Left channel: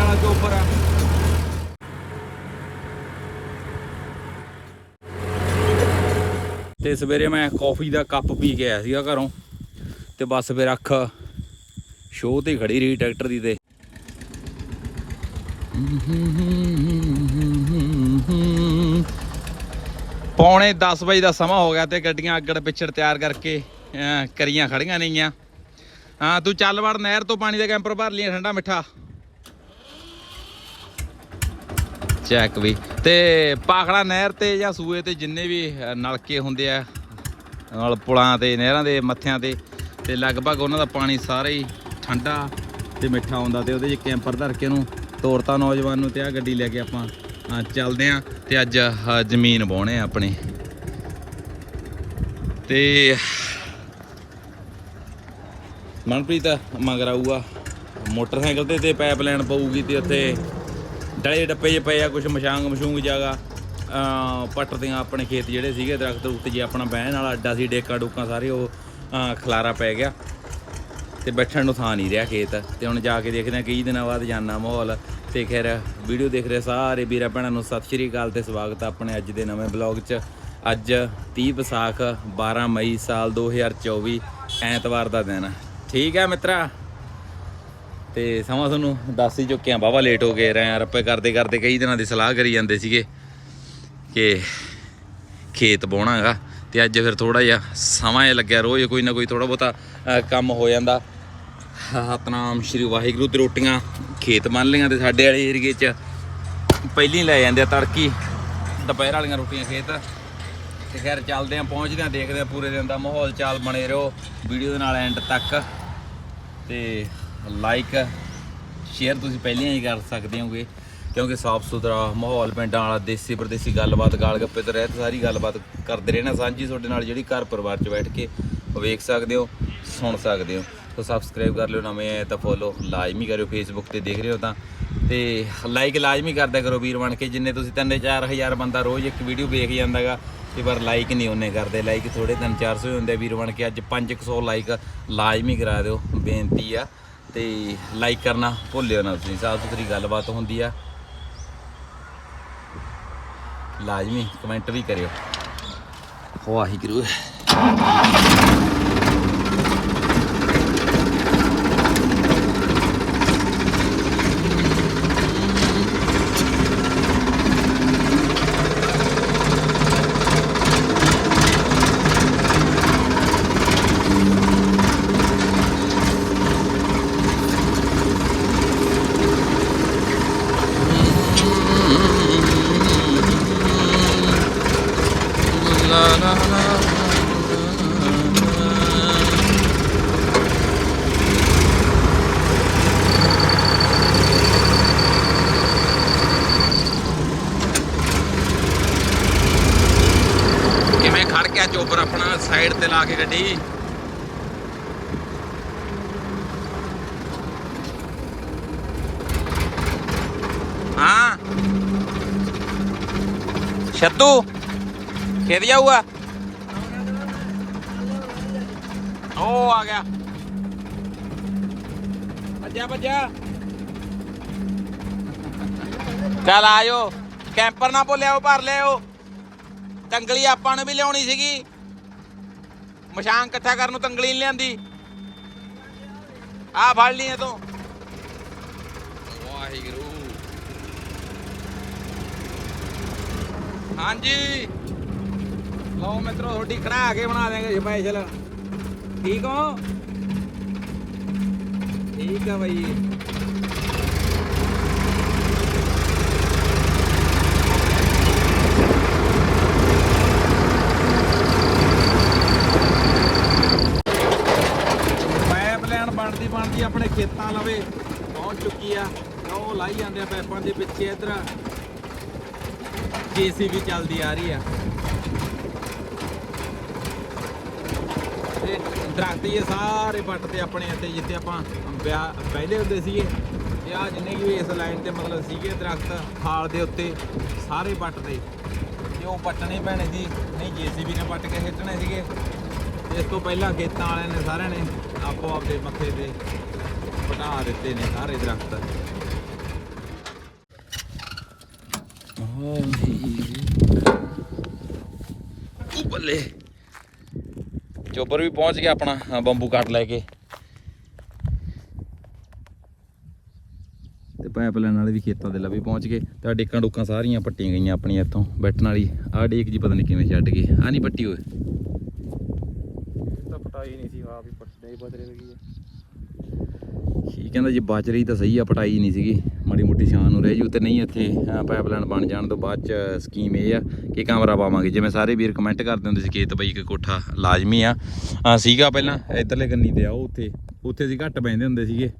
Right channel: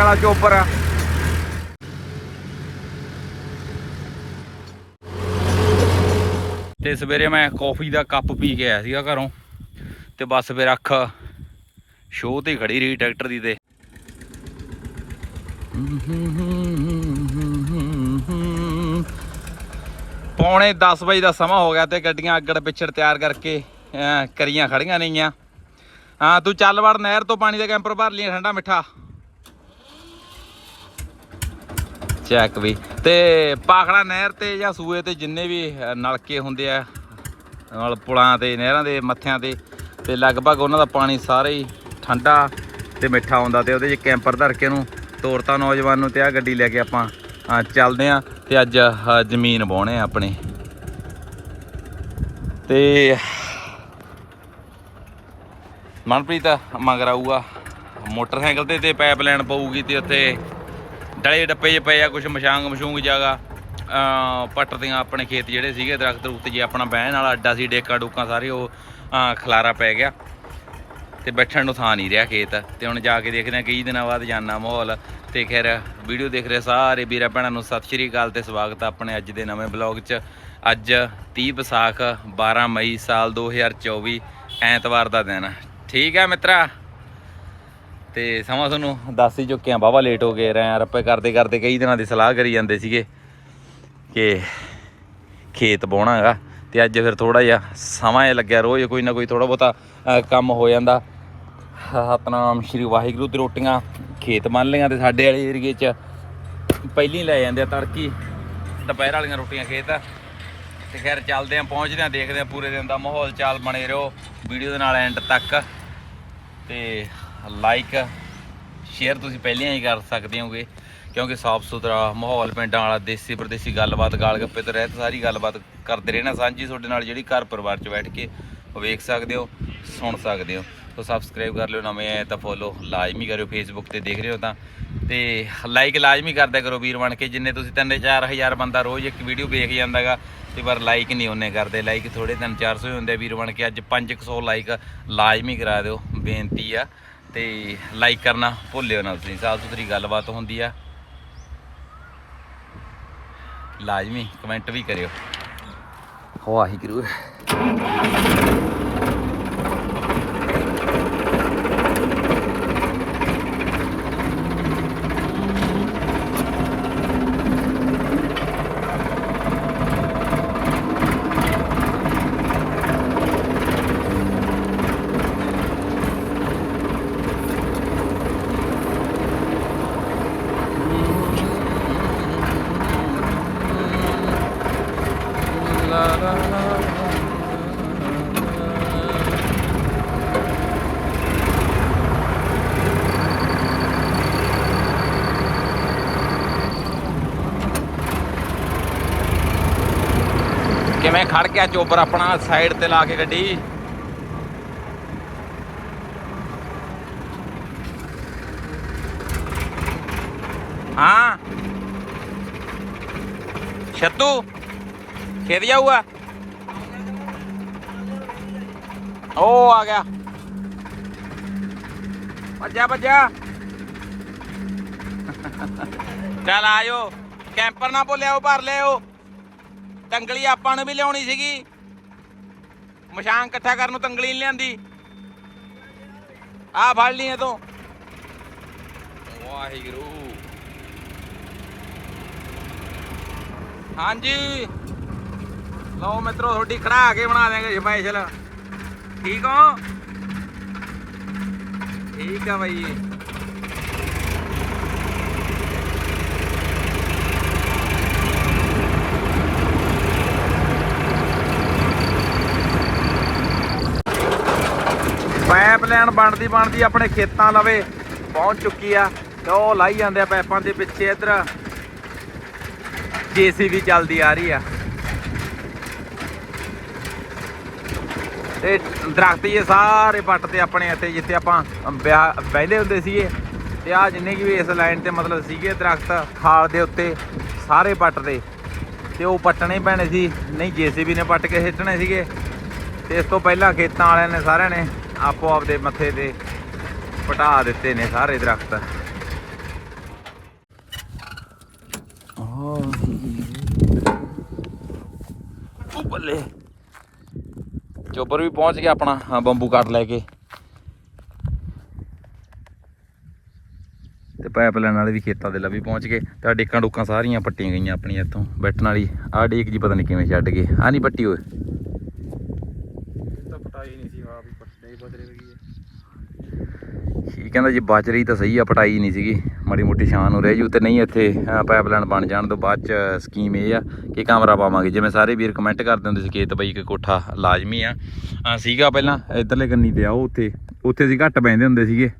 ਵਾਲਾ ਚੋਪਰ ਆ? ਤੇ ਸਵੇਰੇ ਮੈਂ ਕਾਫੀ ਦਾ ਕੱਪ ਪੀ ਕੇ ਆਇਆ ਸੀਗਾ ਘਰੋਂ, ਤੇ ਬਸ ਫਿਰ ਅੱਖ ਸ਼ੋਅ ਤੇ ਖੜੀ ਰਹੀ ਟਰੈਕਟਰ ਦੀ ਤੇ। ਪੌਣੇ 10 ਵਜੇ ਦਾ ਸਮਾਂ ਹੋ ਗਿਆ ਤੇ ਗੱਡੀਆਂ ਅੱਗੜ ਪਿੱਛੜ ਤਿਆਰ ਕਰਕੇ ਕਰੀਆਂ ਖੜੀਆਂ ਨੇਗੀਆਂ। ਹਾਂ, ਤੂੰ ਚੱਲ ਵੜ ਨਹਿਰ ਤੋਂ ਪਾਣੀ ਦਾ ਕੈਂਪਰ ਭਰ ਲਈ ਠੰਡਾ ਮਿੱਠਾ। ਚੈੱਕ ਵੀ। ਤੇ ਪਾਖੜਾ ਨਹਿਰ ਤੇ ਜਾਂ ਸੂਏ ਤੇ ਜਿੰਨੇ ਵੀ ਨਲਕੇ ਹੁੰਦੇ ਆ, ਨਾਲ ਪੁਲਾਂ ਤੇ ਨਹਿਰਾਂ ਦੇ ਮੱਥਿਆਂ ਤੇ ਤੇ ਲਗਭਗ ਉਹਨਾਂ ਦਾ ਪਾਣੀ ਸਾਰੇ ਹੀ ਠੰਡਾ ਤੇ ਮਿੱਠਾ ਹੁੰਦਾ ਤੇ ਉਹਦੇ 'ਚ ਕੈਂਪਰ ਧਰ ਕੇ ਉਹਨੂੰ ਤੋਰਤਾ ਨੌਜਵਾਨ ਨੂੰ ਤੇ ਆ ਗੱਡੀ ਲੈ ਕੇ ਆਪਾਂ ਚੱਲਦੇ ਆ ਤੇ ਅੱਜ ਜ਼ਮੀਨ ਵਾਹੁਣੇ ਆ ਆਪਣੇ। ਤੇ ਮਨਪ੍ਰੀਤ, ਮਗਰ ਆਊਗਾ ਮੋਟਰਸਾਈਕਲ ਤੇ ਤੇ ਪਾਈਪ ਲਾਈਨ ਪਊਗੀ ਤੇ ਉੱਥੇ ਡਲੇ ਡੱਪੇ ਜੇ ਪਏ ਆ ਕੁਝ ਮਸ਼ਾਂਗ ਮਸ਼ੂੰਗ ਜਾਗਾ ਪੱਟਦੀਆਂ ਆਪਣੇ ਖੇਤ ਜਿਹੜੇ ਸੀਗੇ, ਦਰਖਤ ਰੁੱਤ ਜੇ ਆਪਣਾ ਬਹਿਣ ਵਾਲਾ, ਅੱਡਾ ਸੀ, ਡੇਕਾਂ ਡੂਕਾਂ ਸਾਰੇ ਉਹ ਖਲਾਰਾ ਪੈ ਗਿਆ। ਤੇ ਬੈਠਣ ਨੂੰ ਥਾਂ ਨਹੀਂ ਰਿਹਾ ਖੇਤ। ਤੇ ਹੁਣ ਜਾ ਕੇ ਦੇਖਦੇ ਆ ਕਈ ਦਿਨਾਂ ਬਾਅਦ ਜਾਨਾ ਮਾਹੌਲ। ਤੇ ਖੈਰ, ਵੀਡੀਓ ਦੇਖ ਰਹੇ ਸਾਰੇ ਵੀਰਾਂ ਭੈਣਾਂ ਨੂੰ ਸਤਿ ਸ਼੍ਰੀ ਅਕਾਲ ਤੇ ਸਵਾਗਤ ਆ ਆਪਣੇ ਅੱਜ ਦੇ ਨਵੇਂ ਬਲੌਗ 'ਚ। ਅੱਜ 30 ਵਿਸਾਖ 12 ਮਈ ਸਾਲ 2024 ਐਤਵਾਰ ਦਾ ਦਿਨ। ਠੀਕ ਹੈ ਮਿੱਤਰਾ? ਤੇ ਸਮਾਂ ਤੁਹਾਨੂੰ ਦੱਸ ਹੀ ਚੁੱਕੇ ਆ ਬਾਬਾ ਲੇਟ ਹੋ ਗਏ, ਰਹੇ ਰੱਪੇ ਕਰਦੇ ਕਰਦੇ ਕਈ ਦਿਨਾਂ ਦੀ ਸਲਾਹ ਕਰੀ ਜਾਂਦੇ ਸੀਗੇ ਕਿ ਖੇਤ ਬਾਉਣਾ ਹੈਗਾ ਤੇ ਅੱਜ ਫਿਰ ਥੋੜਾ ਜਿਹਾ ਸਮਾਂ ਇਹ ਲੱਗਿਆ, ਰੋਜ਼ ਕੋਈ ਨਾ ਕੋਈ ਥੋੜਾ ਬਹੁਤਾ ਕੰਮ ਹੋ ਜਾਂਦਾ। ਸਤਨਾਮ ਸ਼੍ਰੀ ਵਾਹਿਗੁਰੂ ਦੀ ਰੋਟੀਆਂ, ਖੇਤ ਮੰਨ ਲਈਆਂ ਤੇ ਸਾਡੇ ਵਾਲੇ ਏਰੀਏ 'ਚ ਪਹਿਲੀ ਲੈ ਜਾਂਦੇ ਆ ਤੜਕੀ, ਦੁਪਹਿਰ ਵਾਲੀਆਂ ਰੋਟੀਆਂ ਖੇਤ। ਤੇ ਖੈਰ ਚੱਲਦੇ ਆ ਪਹੁੰਚਦੇ ਆ ਦੇਖਦੇ ਆ ਪੂਰੇ ਦਿਨ ਦਾ ਮਾਹੌਲ ਚਾਲ ਬਣੇ ਰਹੋ, ਵੀਡੀਓ ਦੇ ਨਾਲ ਐਂਡ ਤੱਕ। ਤੇ ਲਾਈਕ ਸ਼ੇਅਰ ਤੁਸੀਂ ਪਹਿਲਾਂ ਹੀ ਕਰ ਸਕਦੇ ਹੋਗੇ ਕਿਉਂਕਿ ਸਾਫ਼ ਸੁਥਰਾ ਮਾਹੌਲ ਪਿੰਡਾਂ ਵਾਲਾ, ਦੇਸੀ ਪ੍ਰਦੇਸੀ ਗੱਲਬਾਤ, ਗਾਲ ਗੱਪੇ ਤੇ ਰਹਿਤ ਸਾਰੀ ਗੱਲਬਾਤ ਕਰਦੇ ਰਹਿਣਾ ਸਾਂਝੀ ਤੁਹਾਡੇ ਨਾਲ ਜਿਹੜੀ ਘਰ ਪਰਿਵਾਰ 'ਚ ਬੈਠ ਕੇ ਵੇਖ ਸਕਦੇ ਹੋ, ਸੁਣ ਸਕਦੇ ਹੋ। ਸੋ ਸਬਸਕ੍ਰਾਈਬ ਕਰ ਲਿਓ, ਨਵੇਂ ਆਏ ਤਾਂ ਫੋਲੋ ਲਾਜ਼ਮੀ ਕਰਿਓ ਫੇਸਬੁੱਕ ਤੇ ਦੇਖ ਰਹੇ ਹੋ ਤਾਂ। ਤੇ ਲਾਈਕ ਲਾਜ਼ਮੀ ਕਰਦਿਆ ਕਰੋ ਵੀਰ ਬਣ ਕੇ, ਜਿੰਨੇ ਤੁਸੀਂ 3-4000 ਬੰਦਾ ਰੋਜ਼ ਇੱਕ ਵੀਡੀਓ ਵੇਖ ਜਾਂਦਾਗਾ, ਤੇ ਪਰ ਲਾਈਕ ਨਹੀਂ ਉਹਨੇ ਕਰਦੇ। ਲਾਈਕ ਥੋੜੇ 3-400 ਹੀ ਹੁੰਦੇ ਵੀਰ ਬਣ ਕੇ, ਅੱਜ 500 ਲਾਈਕ ਲਾਜ਼ਮੀ ਕਰਾ ਦਿਓ, ਬੇਨਤੀ ਆ। ਤੇ ਲਾਈਕ ਕਰਨਾ ਭੁੱਲਿਓ ਨਾ ਤੁਸੀਂ, ਸਾਫ਼ ਸੁਥਰੀ ਗੱਲਬਾਤ ਹੁੰਦੀ ਆ। ਲਾਜ਼ਮੀ ਕਮੈਂਟ ਵੀ ਕਰਿਓ। ਵਾਹਿਗੁਰੂ। ਕਿਵੇਂ ਚੋਬਰ ਆਪਣਾ ਸਾਈਡ ਤੇ ਲਾ ਕੇ ਗੱਡੀ। ਹਾਂ। ਛੱਤੂ, ਖੇਤ ਜਾਊਗਾ? ਉਹ ਆ ਗਿਆ। ਭੱਜਾ ਭੱਜਾ ਚੱਲ ਆਇਓ ਕੈਂਪਰ ਨਾ ਭੁੱਲਿਓ ਭਰ ਲਿਓ ਤੰਗਲੀ ਆਪਾਂ ਨੂੰ ਵੀ ਲਿਆਉਣੀ ਸੀਗੀ। ਮਸ਼ਾਨ ਇਕੱਠਾ ਕਰਨ ਨੂੰ ਤੰਗਲੀ ਲਿਆਂਦੀ। ਆ ਫੜ ਲਈ ਤੂੰ ਵਾਹਿਗੁਰੂ। ਹਾਂਜੀ। ਲਓ ਮਿੱਤਰੋ ਤੁਹਾਡੀ ਖੜਾ ਕੇ ਬਣਾ ਦੇਾਂਗੇ ਸਪੈਸ਼ਲ ਠੀਕ ਹੋ? ਠੀਕ ਆ ਬਾਈ ਪਾਈਪ ਲਾਈਨ ਬਣਦੀ, ਆਪਣੇ ਖੇਤਾਂ ਲਵੇ, ਪਹੁੰਚ ਚੁੱਕੀ ਆ। ਤੇ ਉਹ ਲਾਈ ਜਾਂਦੇ ਆ ਪੈਪਾਂ ਦੇ ਪਿੱਛੇ ਇਧਰ। ਜੀਸੀਬੀ ਚੱਲਦੀ ਆ ਰਹੀ ਆ। ਤੇ ਦਰਖਤ ਇਹ ਸਾਰੇ ਪੱਟ ਤੇ ਆਪਣੇ ਇੱਥੇ, ਜਿੱਥੇ ਆਪਾਂ ਵਿਆਹ ਪਹਿਲੇ ਹੁੰਦੇ ਸੀਗੇ। ਤੇ ਆ ਜਿੰਨੇ ਵੀ ਇਸ ਲਾਈਨ ਤੇ ਮਤਲਬ ਸੀਗੇ ਦਰਖਤ, ਖਾਲ ਦੇ ਉੱਤੇ, ਸਾਰੇ ਪੱਟ ਤੇ। ਤੇ ਉਹ ਪੱਟਣੇ ਪੈਣੇ ਸੀ। ਨਹੀਂ, ਜੀਸੀਬੀ ਨੇ ਪੱਟ ਕੇ ਸਿੱਟਣੇ ਸੀਗੇ। ਤੇ ਇਸ ਤੋਂ ਪਹਿਲਾਂ ਖੇਤਾਂ ਵਾਲਿਆਂ ਨੇ ਸਾਰਿਆਂ ਨੇ ਆਪੋ ਆਪਦੇ ਮੱਥੇ ਤੇ ਪਟਾ ਦਿੱਤੇ ਨੇ ਸਾਰੇ ਦਰਖਤ। ਉਹ ਬੱਲੇ। ਚੋਬਰ ਵੀ ਪਹੁੰਚ ਗਿਆ ਆਪਣਾ ਹਾਂ ਬੰਬੂ ਕੱਟ ਲੈ ਕੇ। ਤੇ ਪਾਈਪਲਾਈਨ ਵਾਲੇ ਵੀ ਖੇਤਾਂ ਦੇ ਲਵੇ ਪਹੁੰਚ ਗਏ। ਤੇ ਡੇਕਾਂ ਡੋਕਾਂ ਸਾਰੀਆਂ ਪੱਟੀਆਂ ਗਈਆਂ ਆਪਣੀਆਂ ਇੱਥੋਂ, ਬੈਠਣ ਵਾਲੀ। ਆਹ ਡੇਕ ਜੀ ਪਤਾ ਨਹੀਂ ਕਿਵੇਂ ਛੱਡ ਗਏ। ਆ ਨਹੀਂ ਪੱਟੀ ਹੋਏ ਕੀ ਕਹਿੰਦਾ ਜੇ ਬਚ ਰਹੀ ਤਾਂ ਸਹੀ ਆ, ਪਟਾਈ ਨਹੀਂ ਸੀਗੀ। ਮਾੜੀ ਮੋਟੀ ਸ਼ਾਨ ਹੋ ਰਹੀ ਜੂ। ਤੇ ਨਹੀਂ ਇੱਥੇ ਪਾਈਪਲਾਈਨ ਬਣ ਜਾਣ ਤੋਂ ਬਾਅਦ ਚ ਸਕੀਮ ਇਹ ਆ ਕਿ ਕਮਰਾ ਪਾਵਾਂਗੇ। ਜਿਵੇਂ ਸਾਰੇ ਵੀਰ ਕਮੈਂਟ ਕਰਦੇ ਹੁੰਦੇ ਸੀ ਖੇਤ ਬਈ ਕਿ ਕੋਠਾ ਲਾਜ਼ਮੀ ਆ। ਸੀਗਾ ਪਹਿਲਾਂ, ਇਧਰਲੇ ਕੰਨੀ ਤੇ ਆਓ ਉੱਥੇ। ਉੱਥੇ ਅਸੀਂ ਘੱਟ ਬੈਂਦੇ ਹੁੰਦੇ ਸੀਗੇ।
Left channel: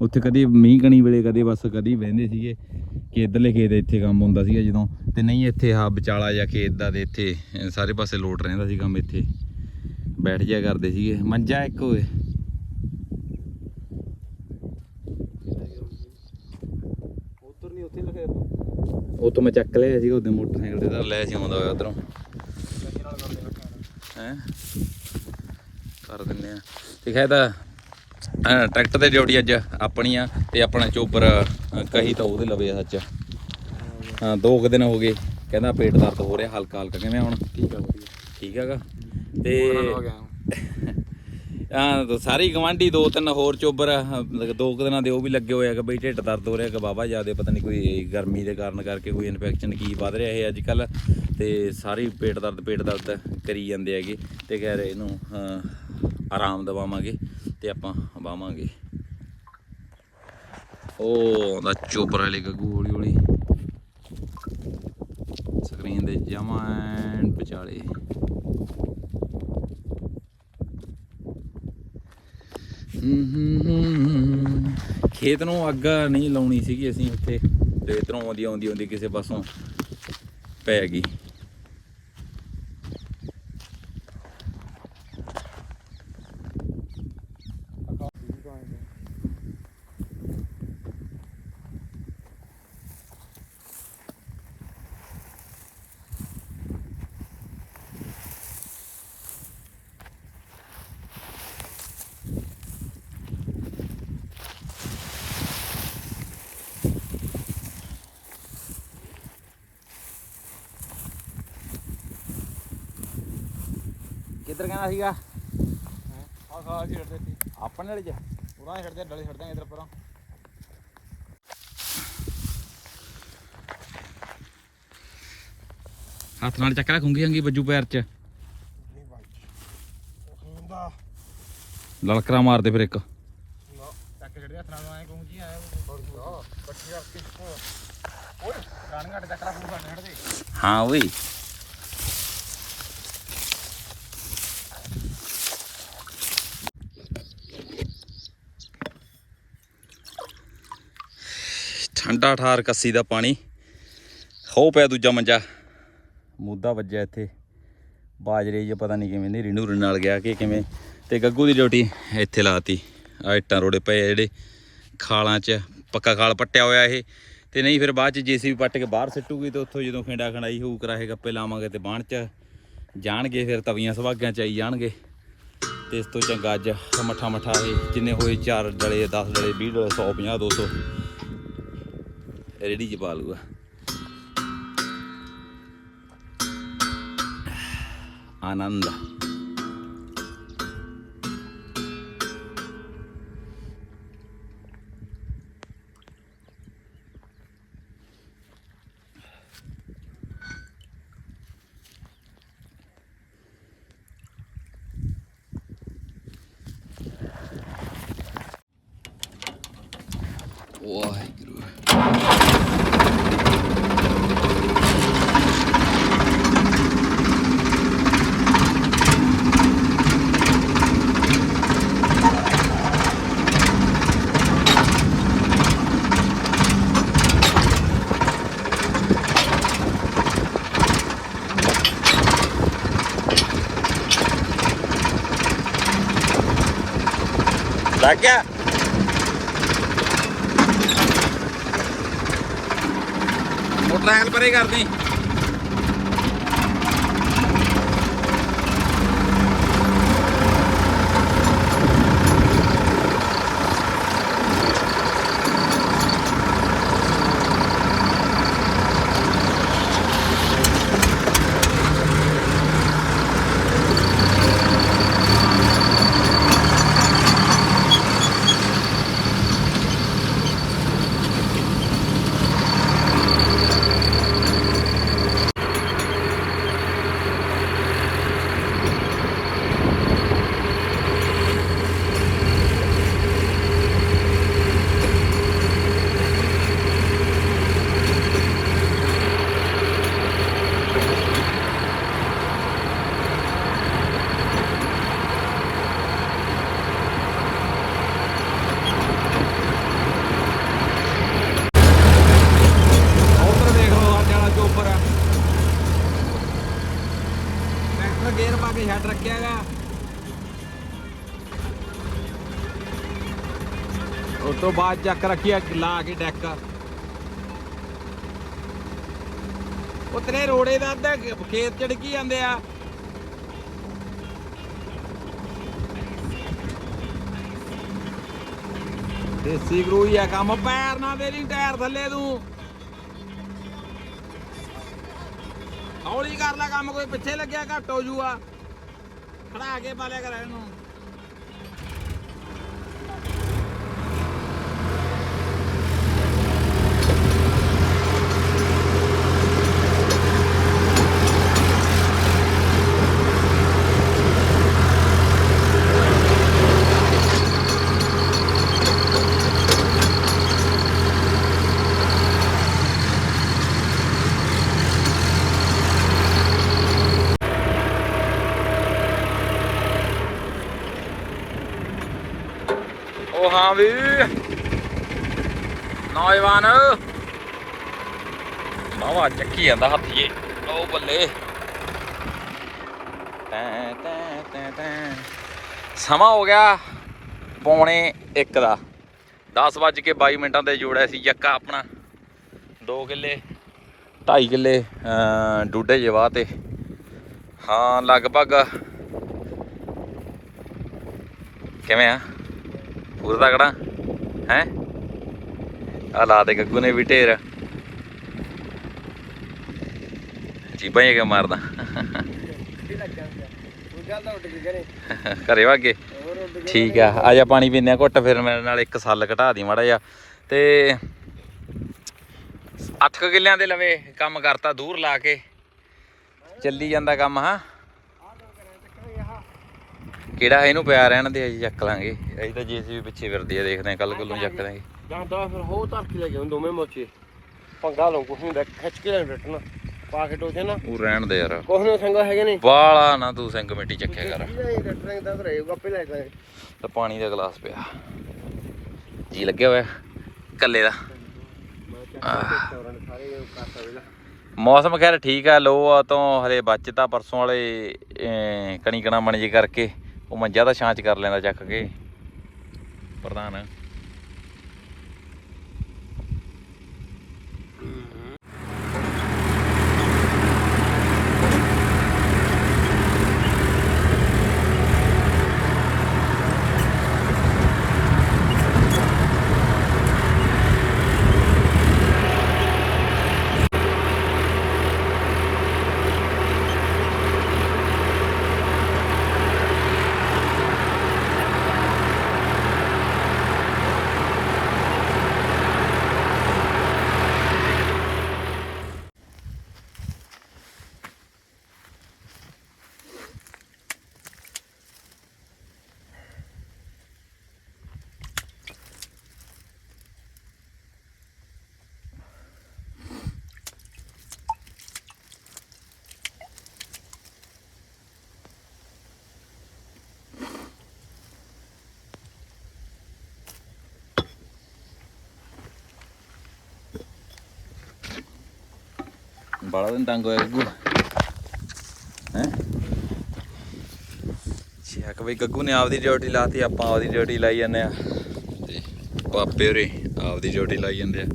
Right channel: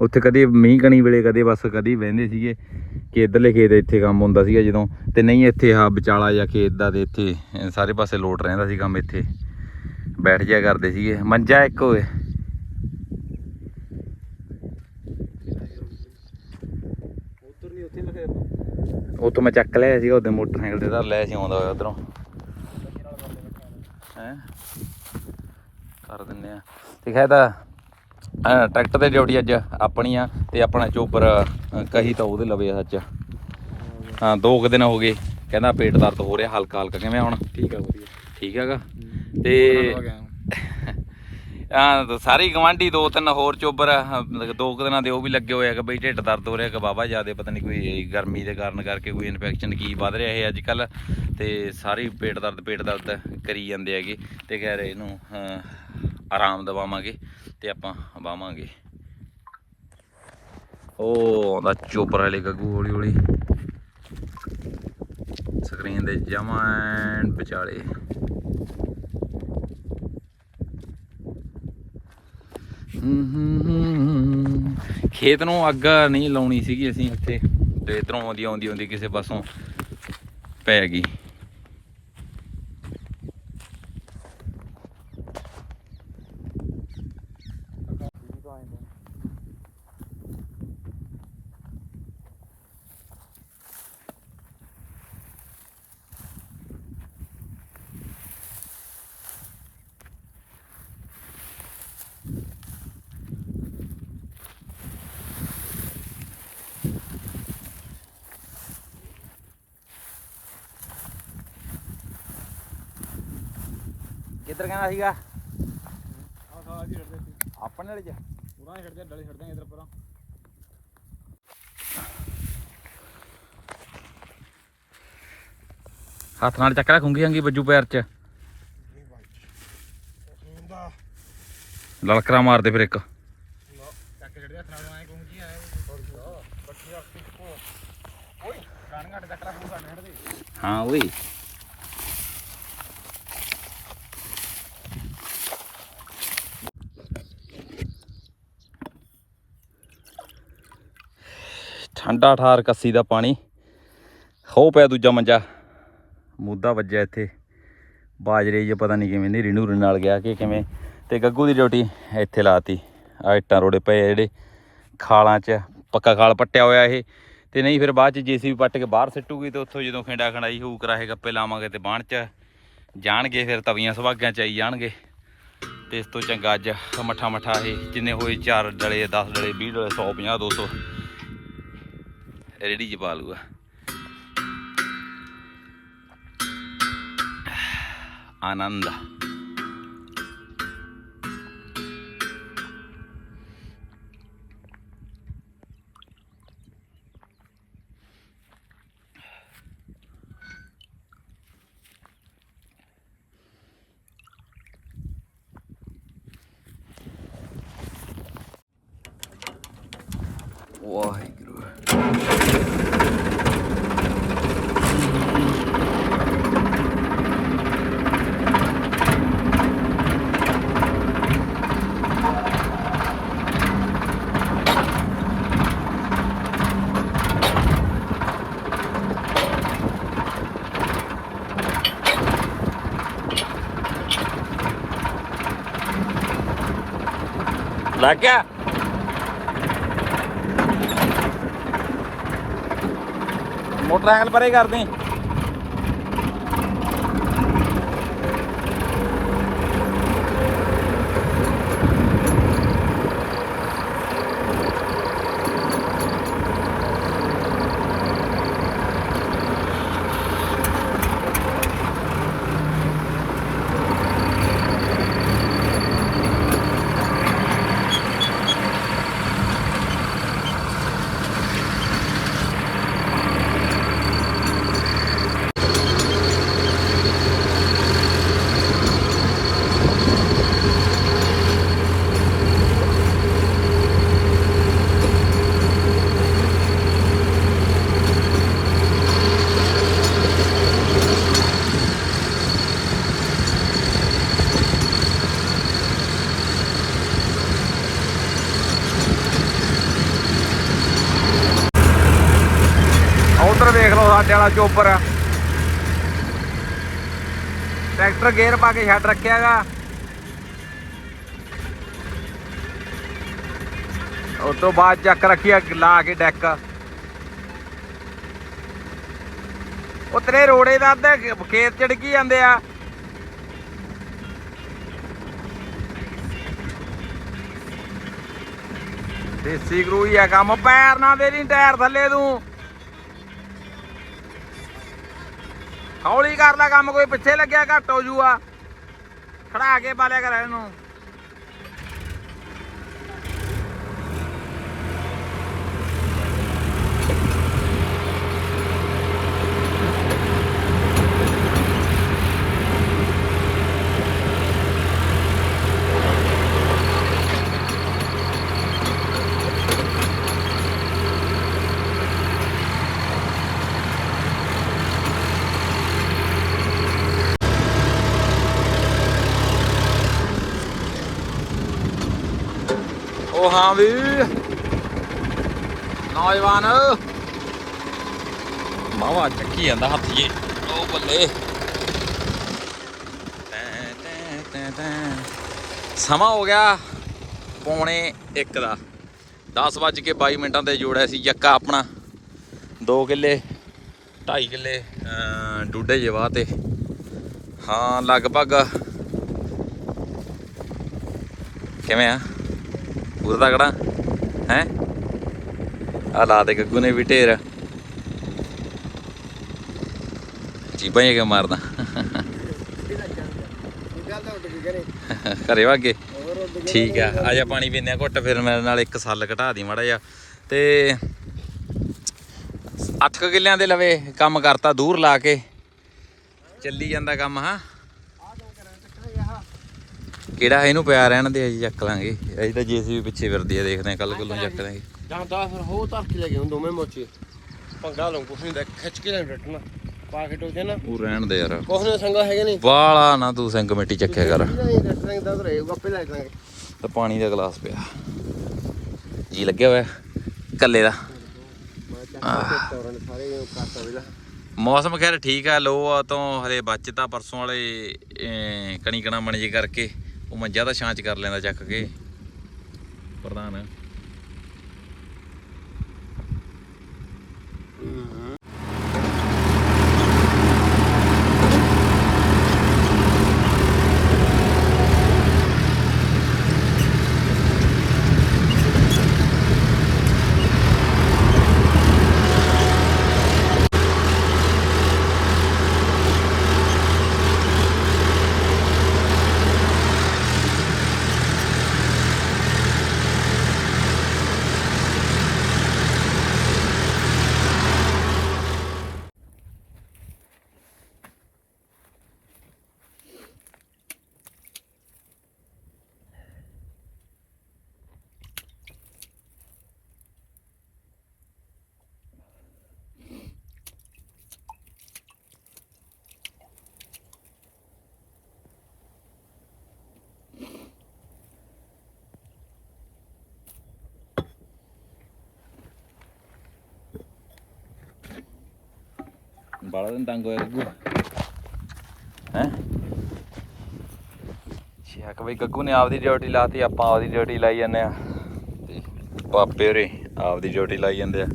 ਉੱਥੇ ਕਦੇ ਮੀਂਹ ਕਣੀ ਵੇਲੇ, ਕਦੇ ਬਸ ਕਦੇ ਹੀ ਬਹਿੰਦੇ ਸੀਗੇ ਕਿ ਇਧਰਲੇ ਖੇਤ ਇੱਥੇ ਕੰਮ ਹੁੰਦਾ ਸੀਗਾ ਜਦੋਂ। ਤੇ ਨਹੀਂ ਇੱਥੇ ਆ ਵਿਚਾਲਾ ਜਾਂ ਖੇਤ ਦਾ ਤੇ ਇੱਥੇ ਸਾਰੇ ਪਾਸੇ ਲੋਟ ਰਹਿੰਦਾ ਸੀ ਕੰਮ ਇੱਥੇ। ਬੈਠ ਜਿਆ ਕਰਦੇ ਸੀਗੇ। ਮੰਜਾ ਇੱਕ ਹੋਏ ਉਧਰ ਨਹੀਂ ਉੱਥੇ ਲਖੇ ਉਹ ਤੋਂ ਮੈਂ ਚੱਕ ਲਿਆ ਸੀਗਾ ਉਹਦੇ ਮੋਟਰਸਾਈਕਲ ਤੇ। ਧਰ ਲਿਆ ਸੀ ਆਉਂਦਾ ਹੋਇਆ ਉਧਰੋਂ। ਹੈ? ਕਰ ਦਿੰਨੇ ਆ। ਤੇ ਖੈਦਾ ਟਰੈਕਟਰ ਤੇ ਡਿਊਟੀ ਅੱਜ ਆਪਣੀ ਆ ਤੇ ਆਪਣਾ ਚੋਪਰ ਕਹੀ ਤਾਂ ਉਹਦੇ ਲਵੇ ਆ ਸੱਚ। ਹਾਂ ਦੋ ਕੁ ਦਿਨ ਹੋ ਗਏ। ਕਹਿੰਦਾ ਪੇਟ ਦਰਦ ਹੋ ਰਿਹਾ ਹਲਕਾ ਹਲਕਾ ਕਿਵੇਂ ਹੁਣ? ਠੀਕ ਆ ਵਧੀਆ। ਠੀਕ ਹੈਗਾ। ਤੇ ਆ ਗਿਆ ਸਾਰੇ ਗਵਾਂਢੀ ਦੋ ਤਿੰਨ ਹੋਰ ਚੋਬਰ ਦੋ ਕੁ ਦਿਨਾਂ ਦੇ ਉਹ ਵੀ ਲੱਗੇ ਹੋਏ ਆ ਕਿ ਬਈ ਢਿੱਡ ਦਰਦ ਹੋ ਰਿਹਾ ਕਿ ਬਾਬਾ ਜਿਆਦੇ, ਪਤਾ ਨਹੀਂ ਕੋਈ ਗਰਮੀ ਦੇ ਕਾਰਨ ਕਰਕੇ ਕੋਈ ਇਨਫੈਕਸ਼ਨ ਕੀ ਵੱਧ ਰਿਹਾ ਹੈ ਅੱਜ ਕੱਲ ਤੇ ਸਾਰੇ ਪੇਟ ਦਰਦ ਪੇਟ ਦਰਦ ਕਰੀ ਜਾਂਦੇ ਹੈਗੇ ਤੇ ਕਹਿ ਰਹੇ ਇਹਨੂੰ ਆਰਾਮ ਦਵਾਵਾਂਗੇ ਤੇ ਆਪਾਂ ਵਾਵਾਂਗੇ ਉਹ ਆਉਂਦਾ ਚੋਬਰ ਵਾਲੇ ਗੱਗੂ ਹੌਲੀ ਹੌਲੀ। ਸਕਰੀਨ ਦੇ ਜਮਾਂ ਐਨ ਵਿਚਾਲੇ। ਖੇਤ ਨੂੰ ਅੱਗ ਨਹੀਂ ਲਾਉਣੀ ਸੀਗੀ ਅਸੀਂ ਉੱਥੇ ਤੇ ਇਧਰੋਂ ਆਉਂਦੀ ਆਉਂਦੀ ਆਉਂਦੀ ਕਿਸੇ ਪਾਸੋਂ ਪੈ ਗਈ। ਕਿੱਧਰ ਕਹਿੰਦਾ ਸੀਗਾ? ਆ ਖਾ ਛੇੜ ਦੇ ਆਪਣੇ ਵਾਲੇ ਚ? ਉਹਨਾਂ ਛੱਡ ਦੇ ਡਲੇ ਛੱਡ ਦਾਂਗੇ ਇਧਰ ਪਰਾਂ। ਹੱਥ ਨਾਲ ਚੱਕ ਰੱਖੂੰਗੀ ਹੰਗੀ ਬੱਜੂ ਪੈਰ ਚ। ਲਲਕਰਾ ਮਾਰਦੇ ਫਿਰ ਇੱਕ। ਚੱਕ ਕੇ ਛੱਡ ਦੇ ਹੱਥ ਨਾਲ ਆਏ ਕਹੂੰ ਜੀ ਆਇਆ। ਬੱਚੀ ਰੱਖ ਕੇ ਹਾਂ ਓਏ। ਠੰਡਾ ਠਾਰ ਕੱਸੀ ਦਾ ਪਾਣੀ। ਹੋ ਪਿਆ ਦੂਜਾ ਮੰਜਾ। ਮੁੱਦਾ ਵੱਜਿਆ ਇੱਥੇ। ਬਾਜਰੇ ਜੇ ਪਤਾ ਨਹੀਂ ਕਿਵੇਂ ਨੇਰੀ ਨੂਰ ਨਾਲ ਗਿਆ ਕਿ ਕਿਵੇਂ। ਤੇ ਗੱਗੂ ਦੀ ਡਿਊਟੀ ਇੱਥੇ ਲਾਤੀ। ਆ ਇੱਟਾਂ ਰੋੜੇ ਪਏ ਜਿਹੜੇ। ਖਾਲਾਂ 'ਚ ਪੱਕਾ ਖਾਲ ਪੱਟਿਆ ਹੋਇਆ ਇਹ। ਤੇ ਨਹੀਂ ਫਿਰ ਬਾਅਦ ਚ ਜੀਸੀਬੀ ਪੱਟ ਕੇ ਬਾਹਰ ਸਿੱਟੂਗੀ ਤੇ ਉੱਥੋਂ ਜਦੋਂ ਖਿੰਡਾ ਖੰਡਾਈ ਹੋਊ ਕਰਾਹੇ ਗੱਪੇ ਲਾਵਾਂਗੇ ਤੇ ਬਾਣ ਚ ਜਾਣਗੇ ਫਿਰ ਤਵੀਆਂ ਸੁਭਾਗਾਂ ਚ ਆਈ ਜਾਣਗੇ। ਤੇ ਇਸ ਤੋਂ ਚੰਗਾ ਅੱਜ ਮੱਠਾ ਮੱਠਾ ਇਹ। ਜਿੰਨੇ ਹੋਏ 4 ਡਲੇ 10 ਡਲੇ 20 ਡਲੇ 150 200 ਰੇੜੀ ਚ ਪਾ ਲੂਗਾ ਆਨੰਦ ਵਾਹਿਗੁਰੂ ਲੱਗ ਗਿਆ ਕਰਦੇ ਪਰੇ ਕੇ ਛੱਡ ਰੱਖਿਆਗਾ। ਉਸ ਤੋਂ ਬਾਅਦ ਚੱਕ ਰੱਖਿਆ ਲਾ ਕੇ ਡੈਕ। ਉਹ ਤੇਰੇ ਰੋੜੇ ਦਾ ਅੱਧੇ ਖੇਤ ਚੜਕੀ ਜਾਂਦੇ ਆ। ਦੇਸੀ ਗਰੂ ਹੀ ਆ ਕੰਮ, ਪੈਰ ਨਾ ਦੇ ਟਾਇਰ ਥੱਲੇ ਤੂੰ। ਹੌਲੀ ਕਰ ਲੈ ਕੰਮ, ਕੋਈ ਪਿੱਛੇ ਲੱਗਿਆ ਘੱਟ ਹੋ ਜੂਆ। ਖੜਾ ਕੇ ਬਾਲਿਆ ਕਰ ਇਹਨੂੰ ਉਹ ਹਾਂ ਵੀ। ਨੌਜਵਾਨ। ਮਾਵਾ ਚੱਕੀ ਜਾਂਦਾ ਹੱਥੀਏ ਜੀ। ਉਹ ਬੱਲੇ। ਸਮਾਂ ਹੋ ਗਿਆ ਪੌਣੇ 1 ਦਾ। 10 ਵੱਜ ਕੇ 22 ਮਿੰਟਾਂ ਤੇ ਜੋੜਿਆ ਸੀ ਜੱਕਾ ਆਪਣਾ। 2 ਕਿੱਲੇ 2.5 ਕਿੱਲੇ ਅਹ, ਡੂਡੇ ਜੇ ਤੇ। ਹਾਂ ਲਗਭਗ। ਕਿਵੇਂ ਆ? ਪੂਰਾ ਤਕੜਾ ਹੈ? ਆ ਲਾ ਦੇ ਗੱਗੂ ਨੇ ਵੀ ਢੇਰ। ਜੀਬਾਂ ਹੀ ਕਿ ਮਾਰਦਾ। ਘਰੇ ਵਾਗੇ ਠੀਕ ਆ ਆ ਜਾ ਪਾਣੀ ਪੀਂਦੇ ਆ ਘੁੱਟ, ਫਿਰ ਮੇਰੇ ਨਾਲ ਇੱਕ ਸੱਲ ਘਟਾ ਦੀ ਮਾੜਾ ਜਿਹਾ। ਤੇ 8 ਕਿੱਲਿਆਂ ਦੇ ਲਵੇ, ਕੰਮ ਕਰਤਾ ਦੂਰ ਲਾ ਕੇ। ਚੱਲੀ ਜਾਂਦਾ ਕੰਮ, ਹਾਂ? ਕਿਹੜਾ ਇਹਨੂੰ ਪਿਆ ਰਹਿਣ ਦੇ ਅਸੀਂ ਚੱਕ ਲਾਂਗੇ। ਅਸੀਂ ਤਾਂ ਜੀਸੀਬੀ ਪਿੱਛੇ ਫਿਰਦੀ ਆ ਦੇਖਦੇ ਆ ਕੱਲ ਕੋਲੋਂ ਚੱਕ ਦਾਂਗੇ ਜਾਂਦਾ ਫਿਰ ਹੋ ਧਰ ਕੇ ਲੈ ਕੇ ਦੋਵੇਂ ਮੋਚੇ। ਪੰਗਾ ਲਓ ਕੁਛ ਨਹੀਂ ਦਾ ਖਿੱਚ ਕੇ ਲੈ ਬੈਠਣਾ ਪਾ ਕੇ ਟੋਕੇ ਨਾ। ਉਹ ਰਹਿਣ ਦੇ ਯਾਰ। ਕੁਛ ਨਹੀਂ ਸੰਗਾ ਹੈਗੇ ਨਹੀਂ। ਬਾਲਾ ਨਾ ਤੂੰ ਸਿੰਘ ਮਿੱਟੀ ਚੱਕਿਆ ਕਰ। ਤਾਂ ਪਾਣੀ ਦਾ ਗਲਾਸ ਪਿਆ। ਜੀ ਲੱਗਿਆ ਹੋਇਆ ਕੱਲੇ ਦਾ। ਵੀਲਾ ਮੌਸਮ ਖੈਰ ਠੀਕ ਆ ਲੋ ਤੋਂ ਹਲੇ ਬਚਤਾ ਪਰਸੋਂ ਵਾਲੇ ਕਣੀ ਕਣਾ ਮਣ ਜੀ ਕਰਕੇ। ਉਹ ਮੰਜਾ ਤਾਂ ਛਾਂਚ ਕਰ ਲੈਂਦਾ ਚੱਕ ਕੇ। ਪ੍ਰਧਾਨ। ਬਾਲਾ ਦਿਨ ਤੰਗ ਹੋਇਆ ਗੱਗੂ ਹੈ ਸ਼ੱਕ ਬਈ ਗੱਗੂ ਨੇ ਆਪਦੀ ਡਿਊਟੀ ਲਾਤੀ ਆਪਾਂ ਆਪਦੀ ਡਿਊਟੀ ਲਾਈ ਜਾਂਦੇ ਆ ਤੇ ਪਾਪੇ ਹੋਰੇ ਆਪਦੀ ਡਿਊਟੀ ਲਾਈ ਜਾਂਦੇ ਆ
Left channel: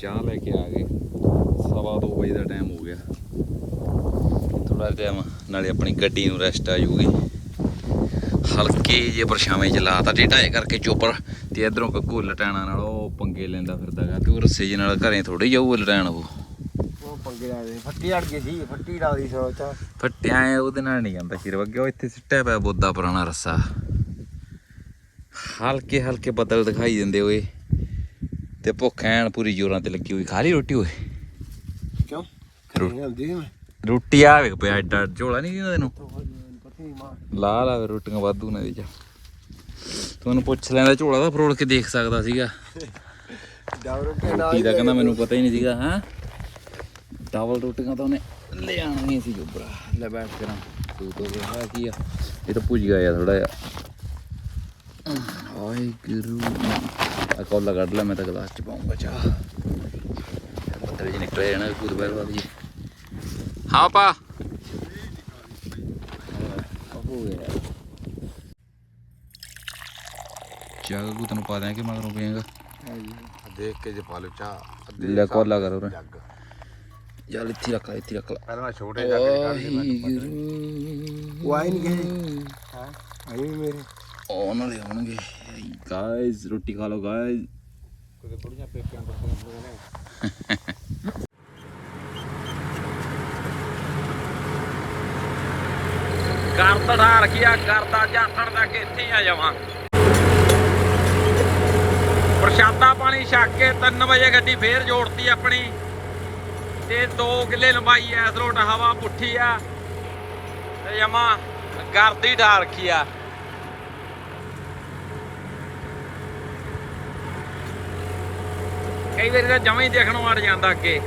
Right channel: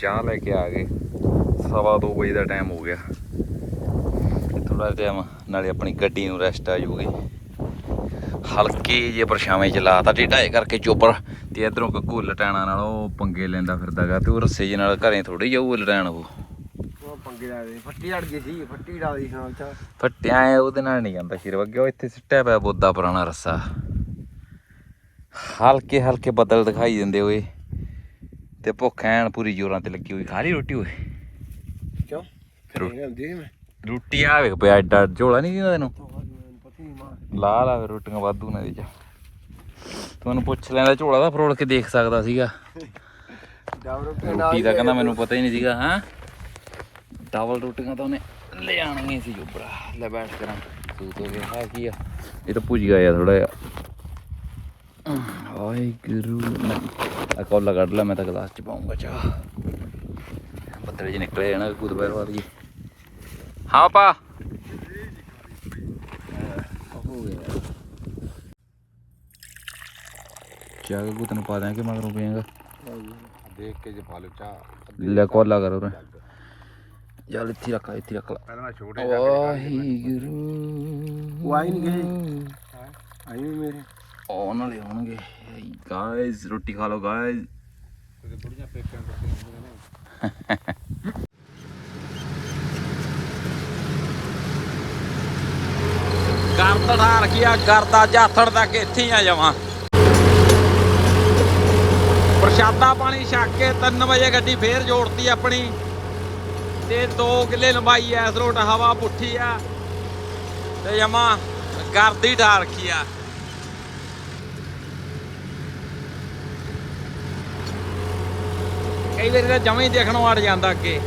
ਚਾਹ ਲੈ ਕੇ ਆ ਗਏ ਸਵਾ ਦੋ ਵਜੇ ਦਾ ਟਾਈਮ ਹੋ ਗਿਆ ਥੋੜਾ ਜਿਹਾ ਨਾਲੇ ਆਪਣੀ ਗੱਡੀ ਨੂੰ ਰੈਸਟ ਆ ਜੂਗੀ ਹਲਕੇ ਜੇ ਪਰਛਾਵੇਂ ਚ ਲਾਤਾ ਢੇਢਾਏ ਕਰਕੇ ਚੋਪਰ ਤੇ ਇਧਰੋਂ ਗੱਗੂ ਲਟਾਣਾ ਨਾਲ ਉਹ ਪੰਗੇ ਲੈਂਦਾ ਫਿਰਦਾਗਾ ਤੇ ਉਹ ਰੱਸੇ ਜੇ ਨਾਲ ਘਰੇ ਥੋੜੀ ਜਾਊ ਲਟਾਣ ਉਹ। ਉਹ ਪੰਗੇ ਲਾ ਦੇ ਫੱਟੀ ਅੜ ਗਈ ਸੀ ਫੱਟੀ ਲਾ ਦੀ ਸੋਚ ਤਾਂ। ਫੱਟਿਆ ਐ ਉਹਦੇ ਨਾਲ ਨਹੀਂ ਜਾਂਦਾ ਸ਼ਿਰ ਵਗੇ ਉਹ ਇੱਥੇ ਸਿੱਟਿਆ ਪਿਆ ਬੋਦਾ ਪੁਰਾਣਾ ਰੱਸਾ। ਹਲਕੇ ਹਲਕੇ ਬੱਦਲ ਦਿਖਾਈ ਦਿੰਦੇ ਓਏ। ਤੇ ਭੁੱਖ ਐਨ ਪੂਰੀ ਜੋਰਾਂ ਤੇ ਲੱਗੀ ਹੋਈ। ਖਾ ਲਈ ਰੋਟੀ ਓਏ? ਕਿਉਂ? ਰੋਟੀ ਆ ਵੇਖ ਪਿਆ ਐਡਾ ਝੋਲਾ ਨਹੀਂ ਦਿੰਦਾ ਤੈਨੂੰ ਲਾ ਲਾ ਰੋਟੀਆਂ ਵਾਧੂ ਨੇ ਇਹਦੇ ਚ ਤੁਹਾਨੂੰ ਪੁੱਛ ਲੈਂਦਾ ਝੋਲਾ ਦਾ ਫਰੋਲ ਕੇ ਦੇਖ ਸਕਦਾ ਸੀਗਾ। ਡਬਲ ਰੋਟੀ ਦਾ ਕਹਿੰਦਾ ਮੈਨੂੰ ਪਤਾ ਹੀ ਨਹੀਂ ਸੀਗਾ ਹਾਂ? ਡਬਲ ਰੋਟੀਆਂ ਤਾਂ ਉਹਨੇ ਲੈ ਆਣੀਆਂ ਸੀ ਜੋਬਰਾ ਲੈ ਬੈਠ ਕਰਾਂ ਤੂੰ ਤੋਂ ਗਿਆ ਕੀ ਆ? ਇਹ ਤਾਂ ਭੁੱਜ ਗਿਆ ਥੋੜਾ ਜਿਹਾ। ਆਈ ਗੁਰੂ। ਆ ਕੋਲਾ ਕੱਢ ਲੈ ਮੈਂ ਤਾਂ ਗਲਾਸ ਚ ਪਾਉਂਗਾ ਚਾਹ 7 ਵਜੇ ਨਿਕਲੇ ਜਾਣਾ ਗੁਰਦੁਆਰਾ ਬਾਅਦ ਜੀ ਹਾਂ ਪਾ। ਚਾਹ ਕੋ ਤੈਨੂੰ ਪਾ ਦਾਂਗੇ ਮਗਰੋਂ ਪੀਏਗਾ ਦੇਖ ਕੇ ਜੇ ਪਾ ਲੋ ਚਾਹ ਲੈ ਕੋਲਾ ਕਰੋ ਰੇ ਚੱਲ ਇੱਥੇ ਰੱਖ ਲੈ, ਇੱਥੇ ਰੱਖ ਲੈ। ਪਹਿਲਾਂ ਮੈਂ ਛੋਟੇ ਜਾ ਕੇ ਉਹ ਆਈ ਨਹੀਂ ਗਏ। ਹਾਂ? ਆਈ ਵੀ ਮੇਰੇ। ਉਹ ਨਾਲੇ ਆਉਣਗੇ। ਗਾਇਜ਼ ਰੋਟੀ ਖਾ ਲਓ ਗਾਇਜ਼ ਕਿਤੇ ਬੁੜੀਆਂ ਪੇਕਿਆਂ ਕਰਦ ਢਾਰ ਗਿਆ ਕਰਦਾ ਜਾਥੜ ਤੱਕ ਇੱਥੇ ਨਾ ਜਾਵਾਂ। ਪ੍ਰਸ਼ਾਦਾ ਪਾਣੀ ਛੱਕ ਕੇ 3 ਵਜੇ ਗੱਡੀ ਫੇਰ ਜੋੜਤੀ ਆਪਣੀ। ਤੇ 2 ਕਿੱਲੇ ਲੰਬਾਈ ਐ, ਇਸ ਰੋਡ ਹਵਾ ਪੁੱਠੀ ਆ ਤੇ ਜਮਾ ਗਰਦੀ ਢਾਰ ਰੱਖੀ ਆ। ਕਈ ਵਾਰੀ ਤਾਂ ਜਮਾਂ ਹੀ ਦੇਖਣੋਂ ਅੜ ਜਾਂਦਾ ਅੱਗੇ।